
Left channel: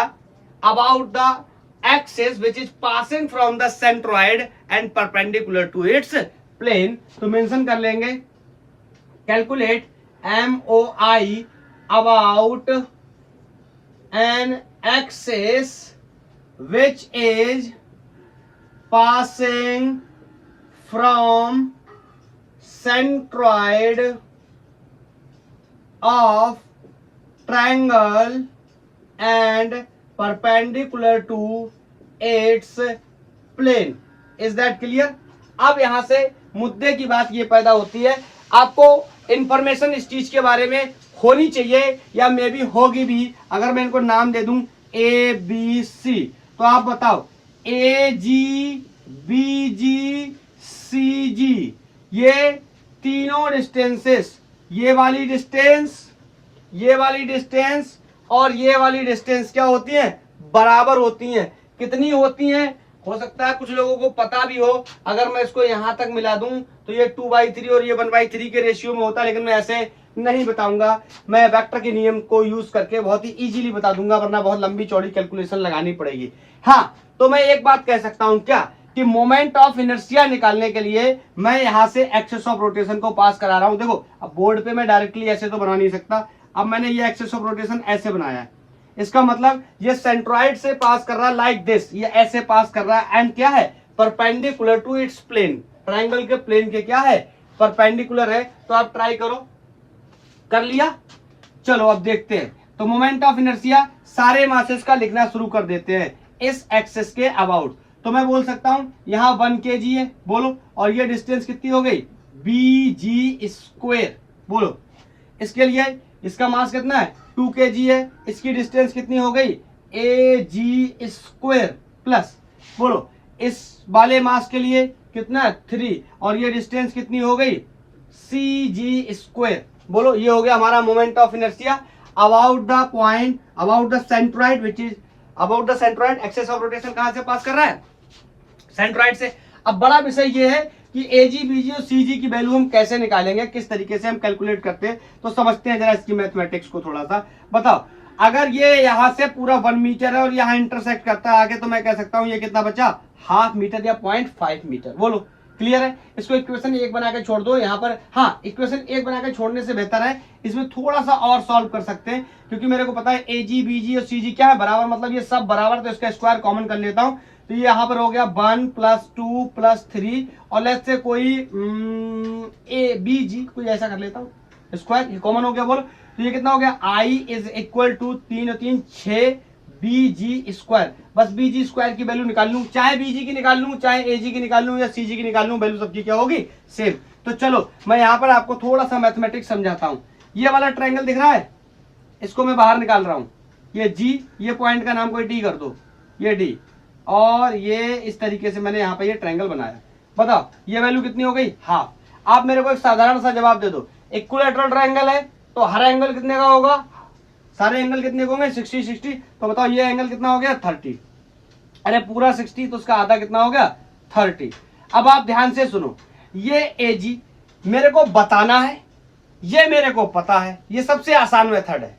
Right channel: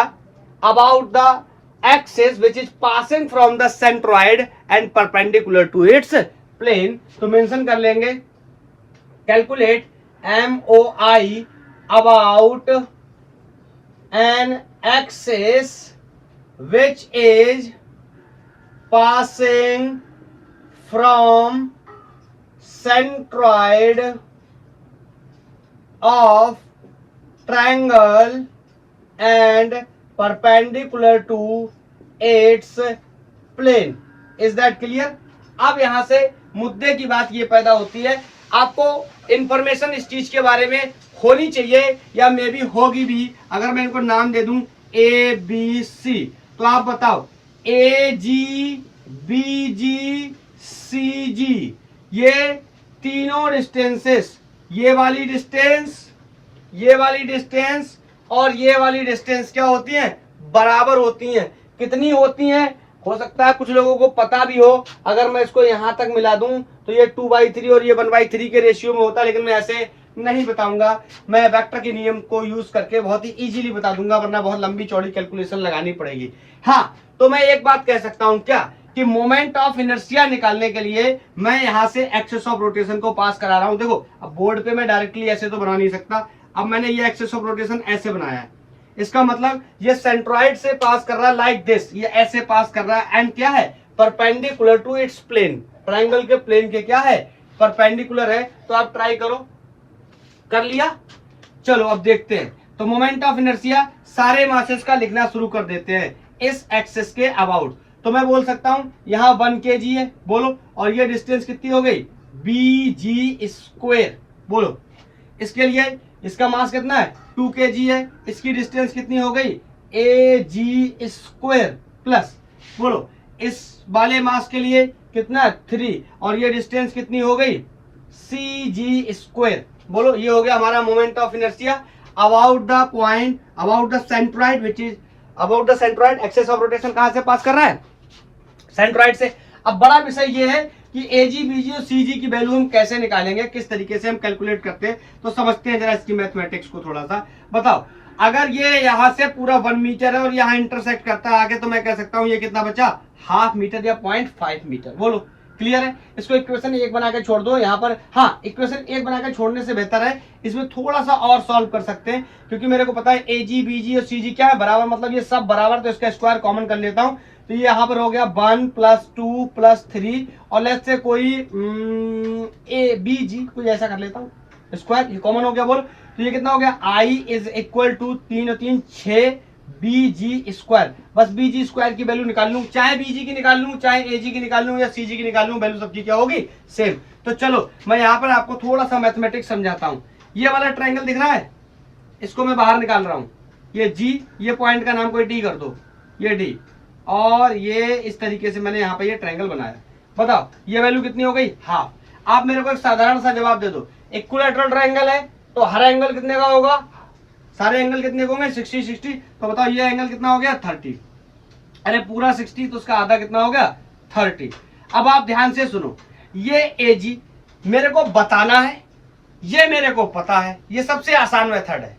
about the axis which is passing from the centroid and perpendicular to its plane. तो मेंशन कर लेंगे calculate MOI about an axis which is passing from centroid of triangle and perpendicular to its plane. Is that clear? अब यहां से मुद्दे की बात ये पैदा होती है, आपको इंफॉर्मेशन इस चीज के बारे में होनी चाहिए या मे भी होगी भी। अगर मैं इनको नाम दे दूं ABC, तो आप बताओ AG BG CG, ये तीनों डिस्टेंसेस, ये वाली डिस्टेंस, ये वाली डिस्टेंस और ये वाली डिस्टेंस क्या होती हैं, बराबर होती हैं। कितनी होती हैं, हो सकता है कुछ लोगों को पता भी हो। अगर मैं इसको यहां तक मिला दूं तो ये 2/3 और ये 1/3 के रेशियो में होता है, लेकिन मैं ऐसे नहीं बताऊंगा। मैं वेक्टर के नियम को यूज करके बहुत ही इजीली बता दूंगा, वरना बहुत लंबी चौड़ी कैलकुलेशन लगानी पड़ेगी। हाँ, तो मैं एक बात कह सकता हूं क्या कि मोमेंट ऑफ इनर्शिया निकालने के लिए मैं यहां से एक्सिस ऑफ रोटेशन को पास करा रहा हूं। देखो अब बोर्ड पे मैं डायरेक्टली ऐसे तो बना नहीं सकता, अब मैंने ये एक्सिस ऑफ रोटेशन ऐसे बनाया है। इसका मतलब ये सेंट्रॉइड से पास कर रहा है लाइक दिस, ये ऐसे पास कर रहा है एंड क्या है, perpendicular to its plane. Triangle के प्लेन के क्या है, परपेंडिकुलर है। तो आप ट्राई करो, कर लिया। चलो अब देखते हैं। तो मोमेंट ऑफ इनर्शिया सारे मासेस का लिखना शुरू कर देते हैं इस एक्सिस के अबाउट। तो मैं बोल सकता हूं यहां 1 kg है, बोलो, और ये डिस्टेंस कितनी हो गई, BG²। बोलो इसके लिए इसका मास कितना है, 2 kg है, इसकी डिस्टेंस कितनी हो गई, AG² प्लस, बोलो इस वाले मास के लिए कितना है, 3, और ये डिस्टेंस कितनी हो गई, CG²। बोलो ये हो गया हमारा moment of inertia about the point, about the centroid which is about the centroid. Axis of rotation कहां से पास कर रहा है, सेंट्रॉइड से। अब बड़ा विषय ये है कि AG BG और CG की वैल्यू हम कैसे निकालेंगे, किस तरीके से हम कैलकुलेट करते हैं। तो समझते हैं जरा इसकी मैथमेटिक्स को थोड़ा सा। बताओ अगर ये यहां से पूरा 1 मीटर है और यहां इंटरसेक्ट करता है आगे, तो मैं कह सकता हूं ये कितना बचा, 0.5 मीटर या 0.5 मीटर। बोलो क्लियर है। इसको इक्वेशन 1 बना के छोड़ दो यहाँ पर। हाँ, इक्वेशन 1 बना के छोड़ने से बेहतर है इसमें थोड़ा सा और सॉल्व कर सकते हैं, क्योंकि मेरे को पता है AG BG और CG क्या है, बराबर, मतलब ये सब बराबर, तो इसका स्क्वायर कॉमन कर लेता हूं। तो ये यहाँ पर हो गया 1 + 2 + 3, और लेट्स से कोई ABG कोई ऐसा कर लेता हूँ, स्क्वायर ये कॉमन हो गया। बोल तो ये कितना हो गया, I = 3 और 3 6 BG²। बस BG² की वैल्यू निकाल लूं, चाहे BG की निकाल लूं, चाहे AG की निकाल लूं या CG की निकाल लूं, वैल्यू सबकी क्या होगी, सेम। तो चलो मैं यहाँ पर आपको थोड़ा सा मैथमेटिक्स समझाता हूँ। ये वाला ट्रायंगल दिख रहा है, इसको मैं बाहर निकाल रहा हूँ, ये G, ये पॉइंट का नाम कोई D कर दो, ये D, और ये इस तरीके से मैंने यहाँ पे ये ट्रायंगल बनाया। बताओ ये वैल्यू कितनी हो गई, हाफ। आप मेरे को एक साधारण सा जवाब दे दो, इक्विलैटरल ट्रायंगल है तो हर एंगल कितने का होगा, सारे एंगल कितने होंगे, 60 60। तो बताओ ये एंगल कितना हो गया, 30। अरे पूरा 60 तो उसका आधा कितना हो गया, 30। अब आप ध्यान से सुनो, ये AG मेरे को बताना है, ये मेरे को पता है, ये सबसे आसान मेथड है।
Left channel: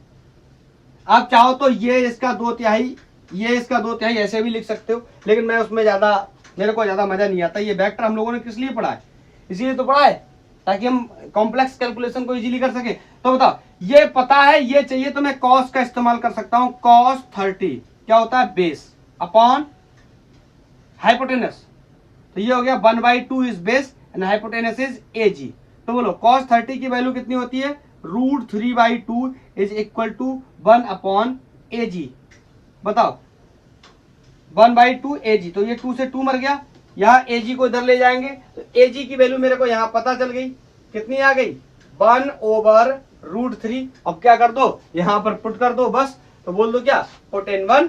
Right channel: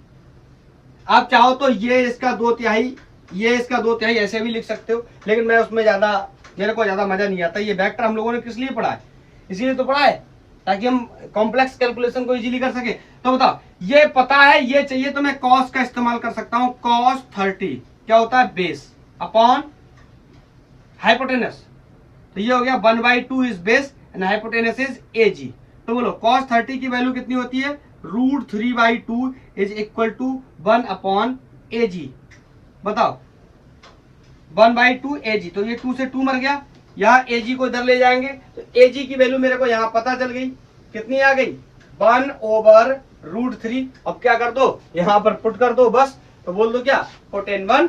आप चाहो तो ये इसका 2/3, ये इसका 2/3 ऐसे भी लिख सकते हो, लेकिन मैं उसमें मेरे को ज्यादा मजा नहीं आता। ये वेक्टर हम लोगों ने किस लिए पढ़ा है, इसीलिए तो पढ़ा है ताकि हम कॉम्प्लेक्स कैलकुलेशन को इजीली कर सके। तो बताओ ये पता है, ये चाहिए तो मैं कॉस का इस्तेमाल कर सकता हूं। cos 30 क्या होता है, बेस अपॉन हाइपोटेनस, तो ये हो गया 1/2 is base and hypotenuse is AG। तो बोलो cos 30 की वैल्यू कितनी होती है, √3/2 इज इक्वल टू 1/AG। बताओ 1/2 AG, तो ये 2 से 2 मर गया, यहाँ AG को इधर ले जाएंगे तो AG की वैल्यू मेरे को यहाँ पता चल गई, कितनी आ गई 1/√3। अब क्या कर दो, यहां पर पुट कर दो बस, तो बोल दो क्या फोटेन 1।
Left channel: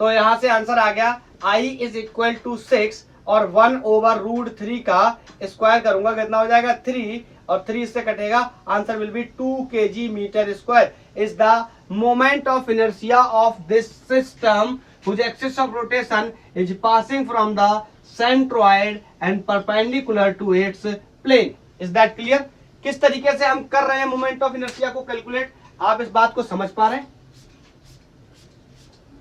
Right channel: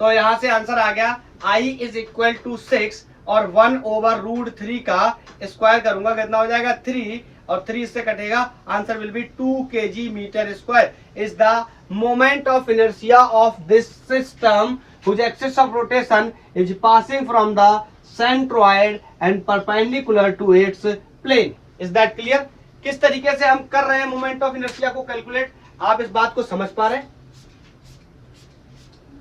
तो यहां से आंसर आ गया I इज इक्वल टू 6 और 1/√3 का स्क्वायर करूंगा कितना हो जाएगा 3, और 3 से कटेगा, answer will be 2 kg metre square is the moment of inertia of this system whose axis of rotation is passing from the centroid and perpendicular to its plane. Is that clear? किस तरीके से हम कर रहे हैं moment of inertia को calculate, आप इस बात को समझ पा रहे हैं।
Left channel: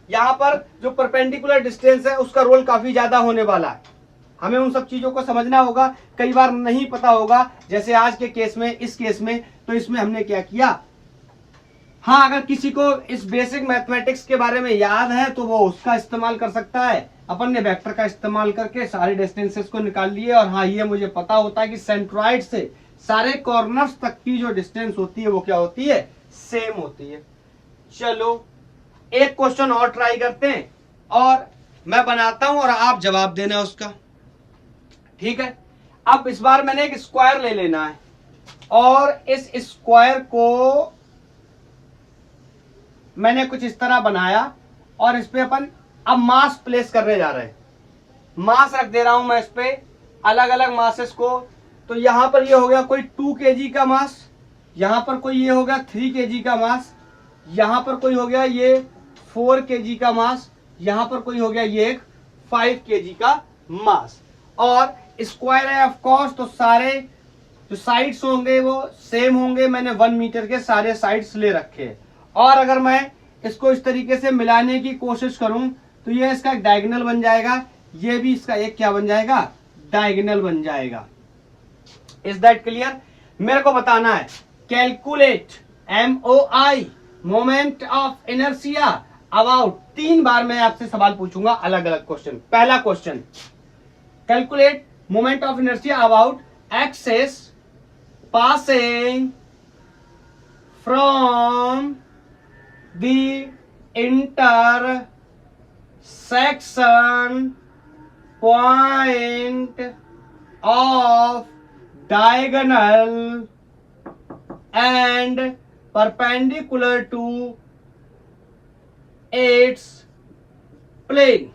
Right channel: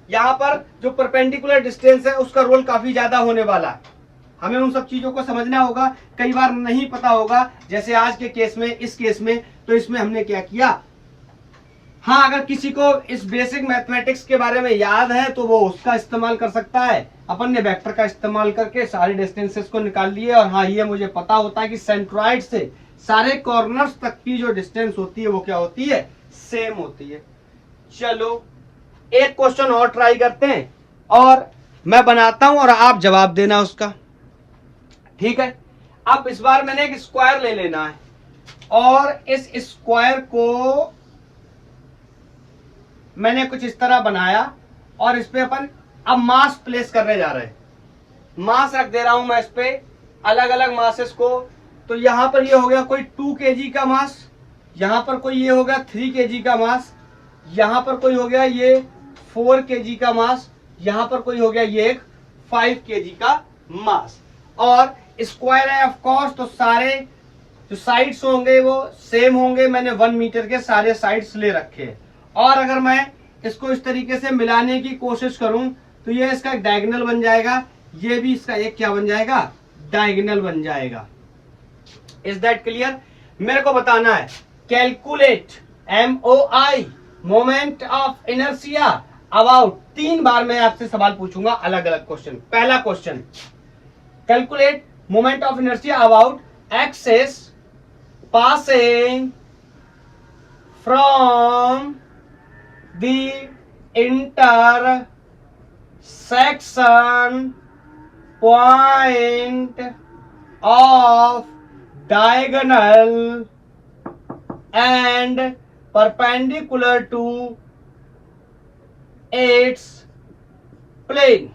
यहां पर जो परपेंडिकुलर डिस्टेंस है उसका रोल काफी ज्यादा होने वाला है, हमें उन सब चीजों को समझना होगा, कई बार नहीं पता होगा, जैसे आज के केस में, इस केस में, तो इसमें हमने क्या किया, हाँ अगर किसी को इस बेसिक मैथमेटिक्स के बारे में याद है तो वो उसका इस्तेमाल कर सकता है। अपन ने वेक्टर का इस्तेमाल करके सारे डिस्टेंसेस को निकाल लिए, और हाँ ये मुझे पता होता है कि सेंट्रॉइड से सारे कॉर्नर्स तक की जो डिस्टेंस होती है वो क्या होती है, सेम होती है। चलो एक क्वेश्चन और ट्राई करते हैं, और मैं बनाता हूं और आप जवाब देना उसका, ठीक है। अब इस बार मैंने एक स्क्वायर ले लेना है, और इस स्क्वायर को मैंने कुछ इस तरह बनाया, और इस पे अपन अब मास प्लेस करने जा रहे हैं। मास रख दे रहा हूं मैं इस पे, अलग अलग मासेस को। तो यहां पर ये हो गया कोई 2 kg का मास, यहां पर कोई ये हो गया 3 kg का मास, यहां पर कोई हो गया ये 4 kg का मास, यहां पर कोई हो गया ये 5 kg का मास। और स्क्वायर है ऑफ कोर्स, तो सारे जो साइड्स होंगे वो सेम होंगे। मैंने 1 मीटर के सारे साइड्स ले रखे हैं, और अगर मैं इसको इस तरीके से मिलाने की कोशिश करूं तो ये इसका एक डायगोनल बन जाएगा, ये भी इसका एक क्या बन जाएगा, डायगोनल बन जाएगा। Is that clear? मेरे को बताना है calculate MOI moment of inertia about, 3 बार मैं आपसे सवाल पूछूंगा अलग अलग क्वेश्चन। पहला question, calculate moment of inertia about axis passing from the intersection point of diagonal and perpendicular to its plane।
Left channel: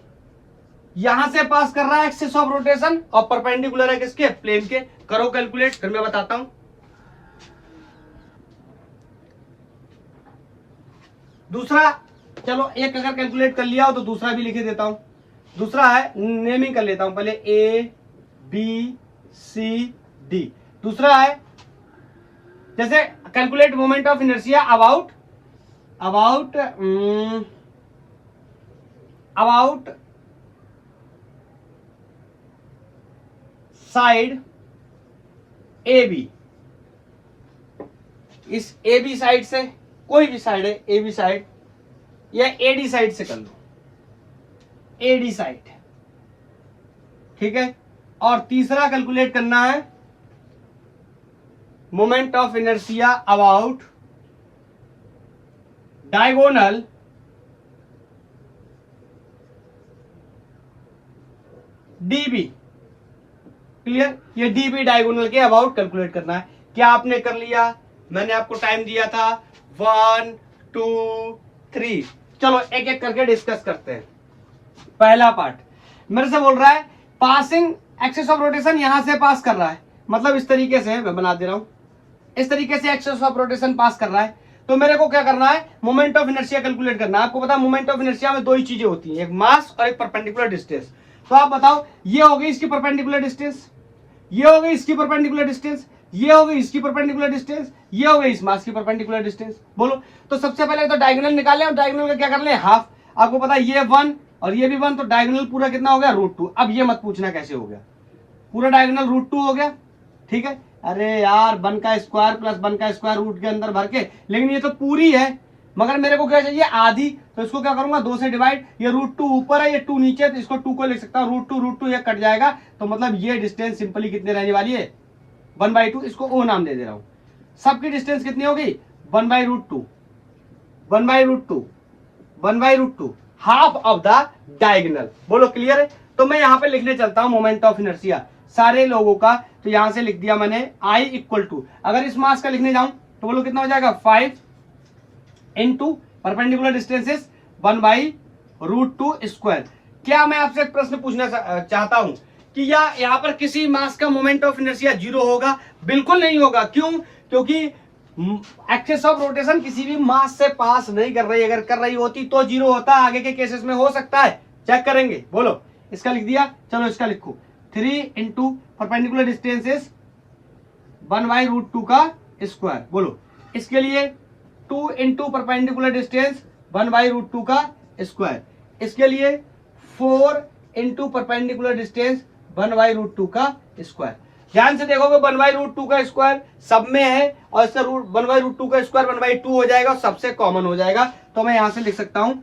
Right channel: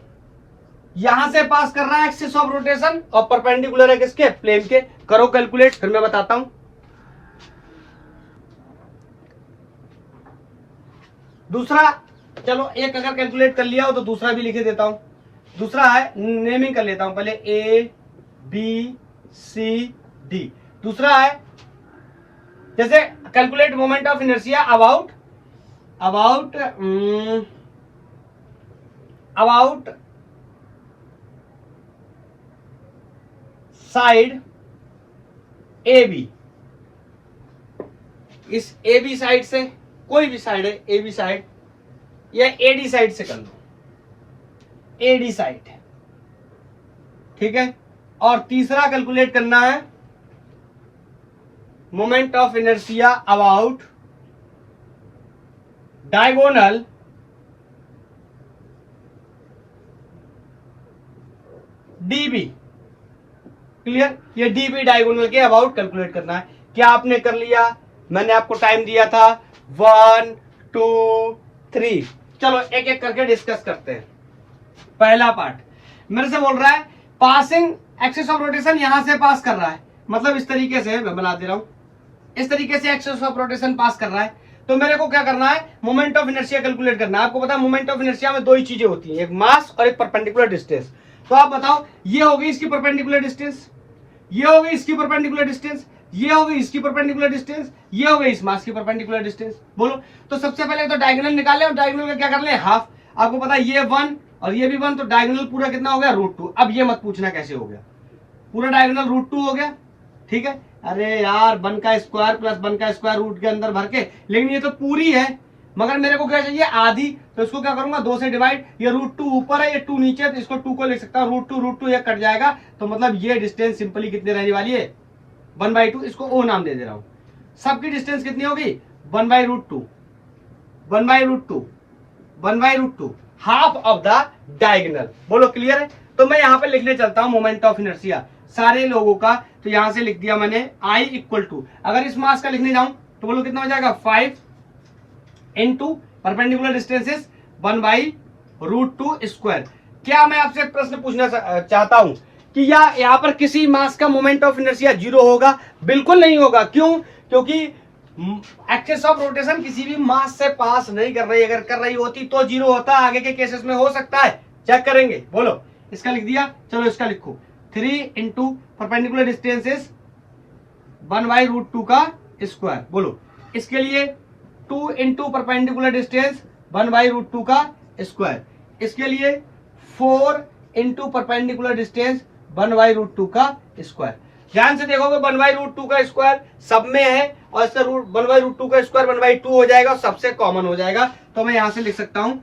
यहां से पास कर रहा है एक्सिस ऑफ रोटेशन, और परपेंडिकुलर है किसके, प्लेन के। करो कैलकुलेट, फिर मैं बताता हूं। दूसरा, चलो एक अगर कैलकुलेट कर लिया हो तो दूसरा भी लिखे देता हूं। दूसरा है, नेमिंग कर लेता हूं पहले, ABCD। दूसरा है जैसे calculate moment of inertia about side AB। इस AB साइड से, कोई भी साइड है, AB साइड या AD साइड से कर लो, AD साइड, ठीक है। और तीसरा कैलकुलेट करना है moment of inertia about diagonal DB। Clear? ये DB डायगोनल के अबाउट कैलकुलेट करना है। क्या आपने कर लिया? मैंने आपको टाइम दिया था 1 2 3। चलो एक एक करके डिस्कस करते हैं। पहला पार्ट मेरे से बोल रहा है पासिंग एक्सिस ऑफ रोटेशन, यहां से पास कर रहा है, मतलब इस तरीके से मैं बना दे रहा हूं, इस तरीके से एक्सिस ऑफ रोटेशन पास कर रहा है। तो मेरे को क्या करना है, मोमेंट ऑफ इनर्शिया कैलकुलेट करना है। आपको पता है मोमेंट ऑफ इनर्शिया में 2 ही चीजें होती हैं, एक मास और एक परपेंडिकुलर डिस्टेंस। तो आप बताओ, ये हो गई इसकी परपेंडिकुलर डिस्टेंस, ये हो गई इसकी परपेंडिकुलर डिस्टेंस, ये हो गई इसकी परपेंडिकुलर डिस्टेंस, ये हो गई इस मास की परपेंडिकुलर डिस्टेंस। बोलो, तो सबसे पहले तो डायगोनल निकाले, और डायगोनल का क्या कर ले, हाफ। आपको पता है ये 1 और ये भी 1, तो डायगोनल पूरा कितना हो गया, √2। अब ये मत पूछना कैसे हो गया, पूरा डायगोनल √2 हो गया, ठीक है। अरे यार 1 का स्क्वायर प्लस 1 का स्क्वायर रूट के अंदर भर के, लेकिन ये तो पूरी है, मगर मेरे को क्या चाहिए, आधी। तो इसको क्या करूंगा 2 से डिवाइड, ये √2 ऊपर है, ये 2 नीचे, तो इसको 2 को लिख सकता हूँ √2 ये कट जाएगा, तो मतलब ये डिस्टेंस सिंपली कितने रहने वाली है 1/2, इसको ओ नाम दे दे रहा हूं। सबकी डिस्टेंस कितनी होगी 1/√2, 1/√2, 1/√2, हाफ ऑफ द डायगोनल। बोलो क्लियर है। तो मैं यहाँ पे लिखने चलता हूं मोमेंट ऑफ इनर्शिया सारे लोगों का, तो यहां से लिख दिया मैंने I इक्वल टू, अगर इस मास का लिखने जाऊं तो बोलो कितना हो जाएगा 5 इंटू परपेंडिकुलर डिस्टेंसेस 1/√2 स्क्वायर। क्या मैं आपसे एक प्रश्न पूछना चाहता हूं कि यहाँ पर किसी मास का मोमेंट ऑफ इनर्शिया 0 होगा? बिल्कुल नहीं होगा। क्यों? क्योंकि एक्सिस ऑफ रोटेशन किसी भी मास से पास नहीं कर रही, अगर कर रही होती तो 0 होता, आगे के केसेस में हो सकता है, चेक करेंगे। बोलो, इसका लिख दिया, चलो इसका लिखो 3 इंटू परपेंडिकुलर डिस्टेंसेस 1/√2 का स्क्वायर। बोलो इसके लिए 2 इंटू परपेंडिकुलर डिस्टेंस 1/√2 का स्क्वायर, इसके लिए 4 इंटू परपेंडिकुलर डिस्टेंस 1/√2 का स्क्वायर। ध्यान से देखोगे 1/√2 का स्क्वायर सब में है और इससे 1/√2 का स्क्वायर 1/2 हो जाएगा और सबसे कॉमन हो जाएगा। तो मैं यहां से लिख सकता हूं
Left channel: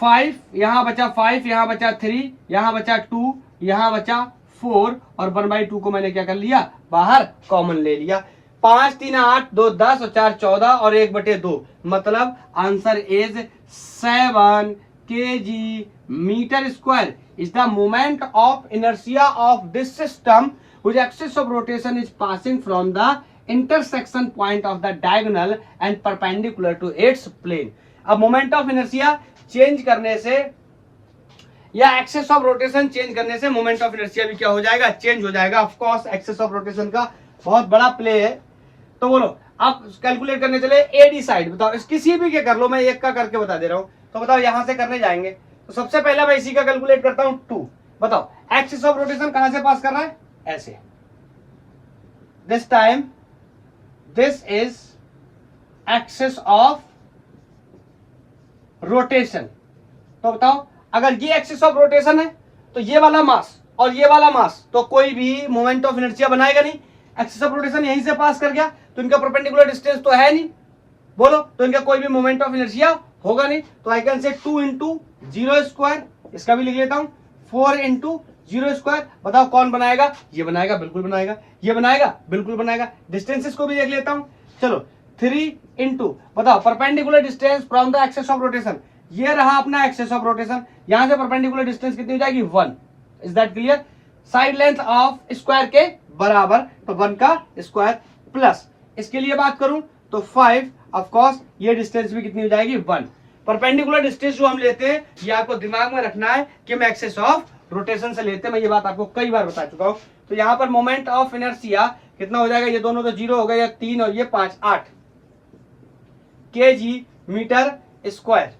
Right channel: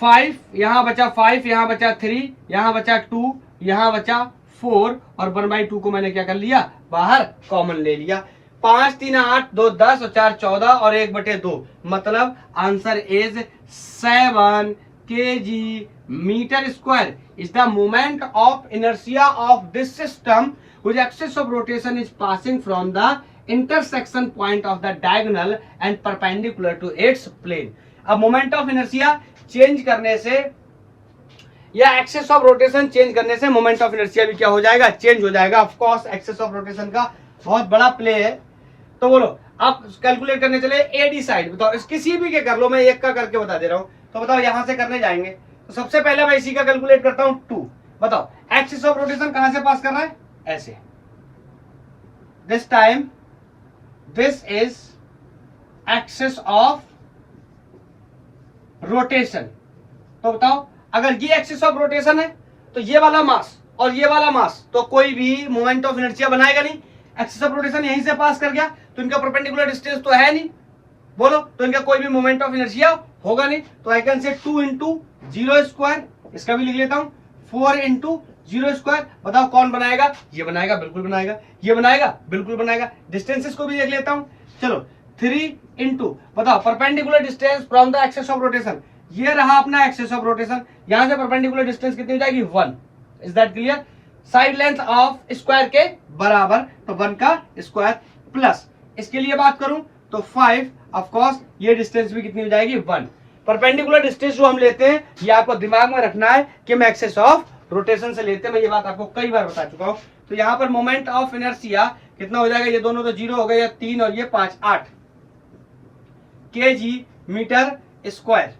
5, यहां बचा 5, यहां बचा 3, यहां बचा 2, यहां बचा 4 और 1/2 को मैंने क्या कर लिया बाहर कॉमन ले लिया। 5 3 8 2 10 और 4 14 और 1/2, मतलब answer is 7 kg metre square is the moment of inertia of this system whose axis of rotation is passing from the intersection point of the diagonal and perpendicular to its plane। अब moment of inertia change करने से या axis of rotation change करने से moment of inertia भी क्या हो जाएगा चेंज हो जाएगा। Of course axis of rotation का बहुत बड़ा प्ले है। तो बोलो आप कैलकुलेट करने चले एडी साइड, बताओ इस किसी भी के कर लो, मैं एक का करके बता दे रहा हूं। तो बताओ यहां से करने जाएंगे तो सबसे पहले मैं इसी का कैलकुलेट करता हूं 2। बताओ एक्सिस ऑफ रोटेशन कहां से पास कर रहा है ऐसे, this time this is axis of rotation. तो बताओ अगर ये एक्सिस ऑफ रोटेशन है तो ये वाला मास और ये वाला मास तो कोई भी मोमेंट ऑफ इनर्शिया बनाएगा नहीं। एक्सिस ऑफ रोटेशन यहीं से पास कर गया तो इनका परपेंडिकुलर डिस्टेंस तो है नहीं, बोलो तो इनका कोई भी मोमेंट ऑफ इनर्शिया होगा नहीं। तो I can say 2 into 0 square, इसका भी लिख लेता हूं 4 इंटू 0 स्क्वायर। बताओ कौन बनाएगा? ये बनाएगा, बिल्कुल बनाएगा। ये बनाएगा, बिल्कुल बनाएगा। डिस्टेंसेस को भी देख लेता हूं, चलो 3 इंटू, बताओ perpendicular distance from the axis of rotation, ये रहा अपना एक्सिस ऑफ रोटेशन, यहां से परपेंडिकुलर डिस्टेंस कितनी हो जाएगी 1। Is that clear? Side length of square के बराबर, तो 1 का स्क्वायर प्लस इसके लिए बात करूं तो 5, ऑफ कोर्स ये डिस्टेंस भी कितनी हो जाएगी 1। परपेंडिकुलर डिस्टेंस जो हम लेते हैं ये आपको दिमाग में रखना है कि हम एक्सिस ऑफ रोटेशन से लेते हैं, मैं ये बात आपको कई बार बता चुका हूं। तो यहां पर मोमेंट ऑफ इनर्शिया कितना हो जाएगा, ये दोनों तो 0 हो गए, 3 और ये 5, 8 kg मीटर स्क्वायर।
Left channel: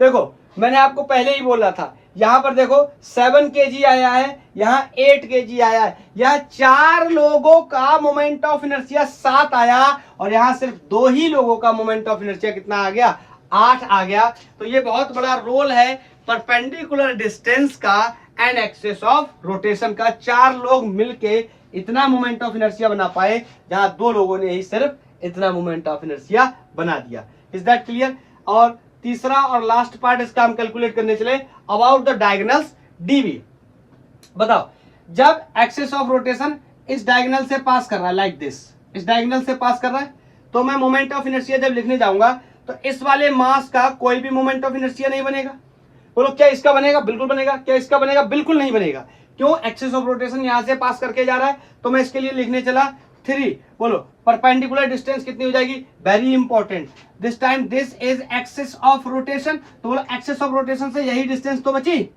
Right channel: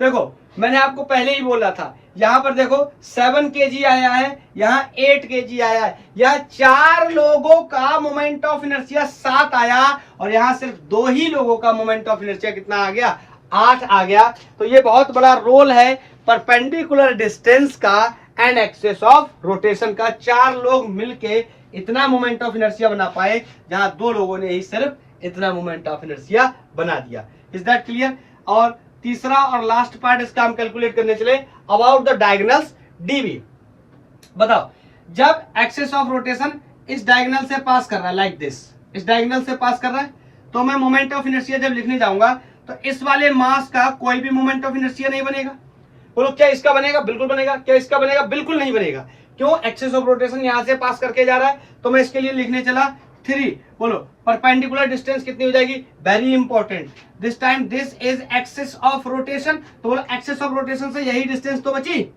देखो मैंने आपको पहले ही बोला था, यहां पर देखो 7 kg आया है, यहाँ 8 kg आया है, यहाँ 4 लोगों का मोमेंट ऑफ इनर्शिया 7 आया और यहाँ सिर्फ 2 ही लोगों का मोमेंट ऑफ इनर्शिया कितना आ गया 8 आ गया। तो ये बहुत बड़ा रोल है परपेंडिकुलर डिस्टेंस का एंड एक्सिस ऑफ रोटेशन का। 4 लोग मिलके इतना मोमेंट ऑफ इनर्शिया बना पाए जहां 2 लोगों ने ही सिर्फ इतना मोमेंट ऑफ इनर्शिया बना दिया। Is that clear? और तीसरा और लास्ट पार्ट इसका हम कैलकुलेट करने चले, अबाउट द डायगोनल्स डीवी। बताओ जब एक्सिस ऑफ रोटेशन इस डायगोनल से पास कर रहा है, लाइक दिस, इस डायगोनल से पास कर रहा है, तो मैं मोमेंट ऑफ इनर्शिया जब लिखने जाऊंगा तो इस वाले मास का कोई भी मोमेंट ऑफ इनर्शिया नहीं बनेगा। बोलो क्या इसका बनेगा? बिल्कुल बनेगा। क्या इसका बनेगा? बिल्कुल नहीं बनेगा। क्यों? एक्सिस ऑफ रोटेशन यहां से पास करके जा रहा है। तो मैं इसके लिए लिखने चला 3। बोलो परपेंडिकुलर डिस्टेंस कितनी हो जाएगी? Very important, this time this is axis of rotation. तो बोलो एक्सिस ऑफ रोटेशन से यही डिस्टेंस तो बची,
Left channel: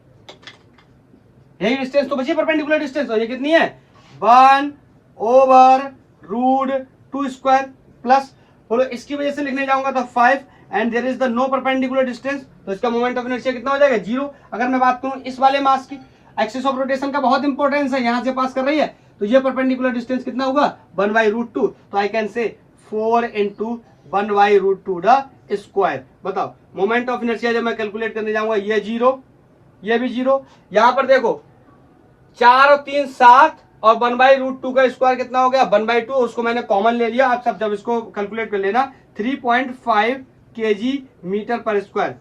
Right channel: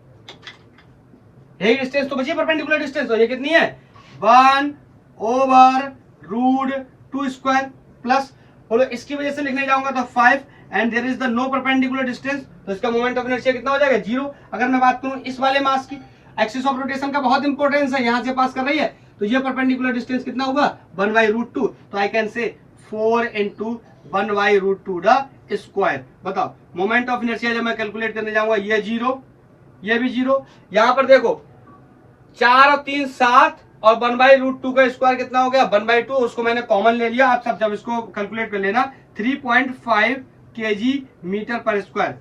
यही डिस्टेंस तो बची परपेंडिकुलर डिस्टेंस। तो ये कितनी है 1/√2 स्क्वायर प्लस, बोलो इसकी वजह से लिखने जाऊंगा तो 5 and there is the no perpendicular distance, तो इसका मोमेंट ऑफ इनर्शिया कितना हो जाएगा 0। अगर मैं बात करूं इस वाले मास की, एक्सिस ऑफ रोटेशन का बहुत इंपॉर्टेंस है, यहां से पास कर रही है, तो ये परपेंडिकुलर डिस्टेंस कितना होगा 1/√2। तो I can say 4 into 1/√2 the square. बताओ मोमेंट ऑफ इनर्शिया जब मैं कैलकुलेट करने जाऊंगा ये 0, ये भी 0। यहां पर देखो 4 और 3 7 और 1/√2 का स्क्वायर कितना हो गया 1/2, उसको मैंने कॉमन ले लिया। आप सब जब इसको कैलकुलेट कर लेना 3.5 kg मीटर पर स्क्वायर।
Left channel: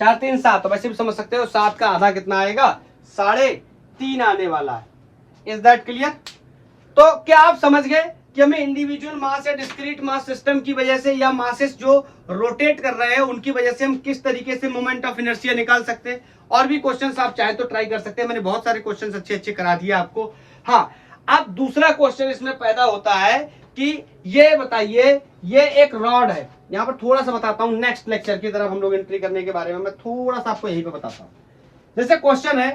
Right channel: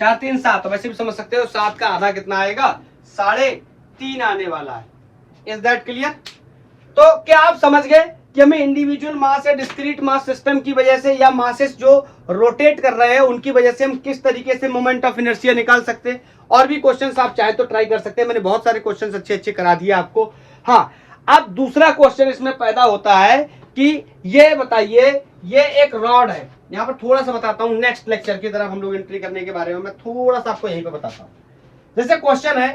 4 3 7, तो वैसे भी समझ सकते हो 7 का आधा कितना आएगा, 3.5 आने वाला है। Is that clear? तो क्या आप समझ गए कि हमें इंडिविजुअल मास या डिस्क्रीट मास सिस्टम की वजह से या मासेस जो रोटेट कर रहे हैं उनकी वजह से हम किस तरीके से मोमेंट ऑफ इनर्शिया निकाल सकते हैं। और भी क्वेश्चंस आप चाहे तो ट्राई कर सकते हैं, मैंने बहुत सारे क्वेश्चंस अच्छे अच्छे करा दिए आपको। हाँ, अब दूसरा क्वेश्चन इसमें पैदा होता है कि ये बताइए, ये एक रॉड है, यहां पर थोड़ा सा बताता हूं, नेक्स्ट लेक्चर की तरफ हम लोग एंट्री करने के बारे में मैं थोड़ा सा आपको यहीं पे बताता हूं। जैसे क्वेश्चन है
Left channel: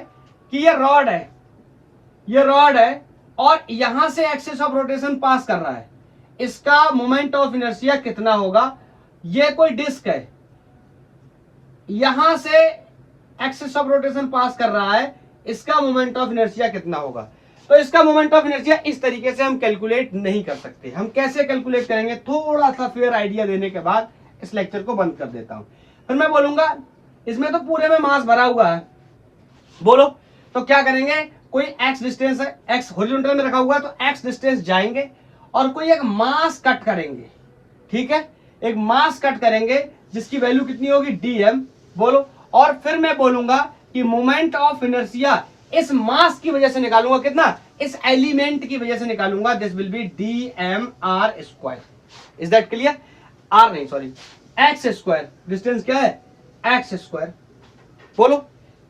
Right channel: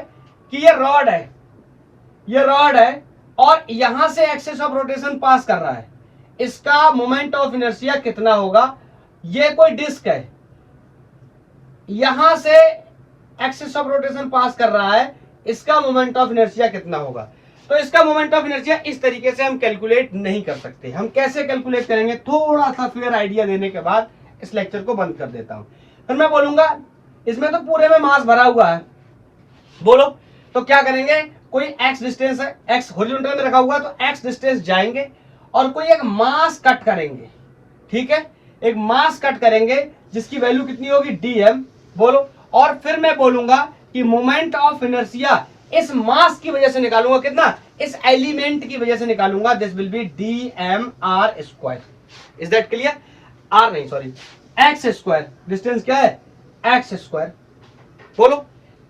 कि ये रॉड है, ये रॉड है और यहां से एक्सिस ऑफ रोटेशन पास कर रहा है, इसका मोमेंट ऑफ इनर्शिया कितना होगा। ये कोई डिस्क है, यहां से एक्सिस ऑफ रोटेशन पास कर रहा है, इसका मोमेंट ऑफ इनर्शिया कितना होगा। तो इसका मोमेंट ऑफ इनर्शिया इस तरीके से हम कैलकुलेट नहीं कर सकते। हम कैसे कैलकुलेट करेंगे, थोड़ा सा फेयर आइडिया देने के बाद इस लेक्चर को बंद कर देता हूं। फिर मैं बोलूंगा इसमें तो पूरे में मास भरा हुआ है, बोलो तो क्या करेंगे, कोई एक्स डिस्टेंस है, एक्स हॉरिजॉन्टल में रखा हुआ है तो एक्स डिस्टेंस जाएंगे और कोई एक मास कट करेंगे, ठीक है, एक मास कट करेंगे जिसकी वैल्यू कितनी होगी, dm, बोलो। और फिर मैं बोलूंगा कि मोमेंट ऑफ इनर्शिया इस मास की वजह से निकालूंगा, कितना, इस एलिमेंट की वजह से निकालूंगा, this will be dmr square. Is that clear? Or नहीं, सॉरी, एक्स स्क्वायर, डिस्टेंस क्या है, एक्स स्क्वायर, बोलो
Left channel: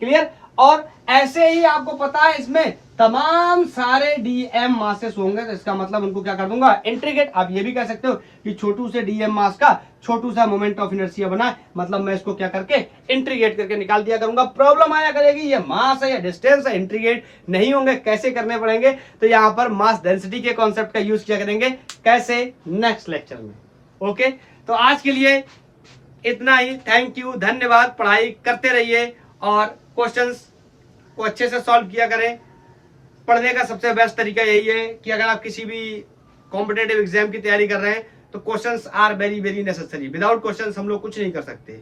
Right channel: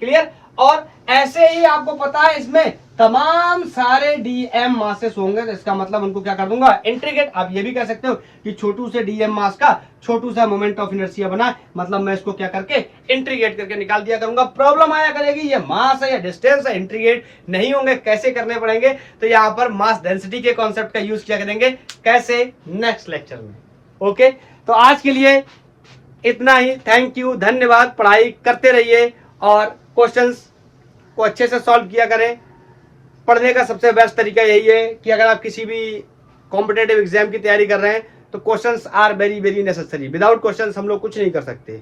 क्लियर। और ऐसे ही आपको पता है इसमें तमाम सारे डीएम मासेस होंगे, तो इसका मतलब उनको क्या कर दूंगा, इंटीग्रेट। आप ये भी कह सकते हो कि छोटू से डीएम मास का छोटू सा मोमेंट ऑफ इनर्शिया बना, मतलब मैं इसको क्या करके इंटीग्रेट करके निकाल दिया करूंगा। प्रॉब्लम आया करेगी ये मास है या डिस्टेंस है, इंटीग्रेट नहीं होंगे, कैसे करने पड़ेंगे, तो यहाँ पर मास डेंसिटी के कॉन्सेप्ट का यूज किया करेंगे, कैसे, नेक्स्ट लेक्चर में। ओके, तो आज के लिए इतना ही, थैंक यू, धन्यवाद। पढ़ाई करते रहिए और क्वेश्चंस को अच्छे से सॉल्व किया करें। पढ़ने का सबसे बेस्ट तरीका यही है कि अगर आप किसी भी कॉम्पिटेटिव एग्जाम की तैयारी कर रहे हैं तो questions are very very necessary. Without questions हम लोग कुछ नहीं कर सकते।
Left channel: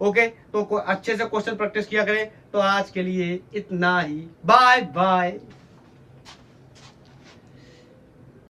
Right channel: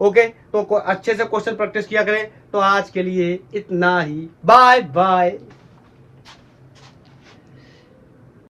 ओके, तो अच्छे से क्वेश्चन प्रैक्टिस किया करें। तो आज के लिए इतना ही, बाय बाय।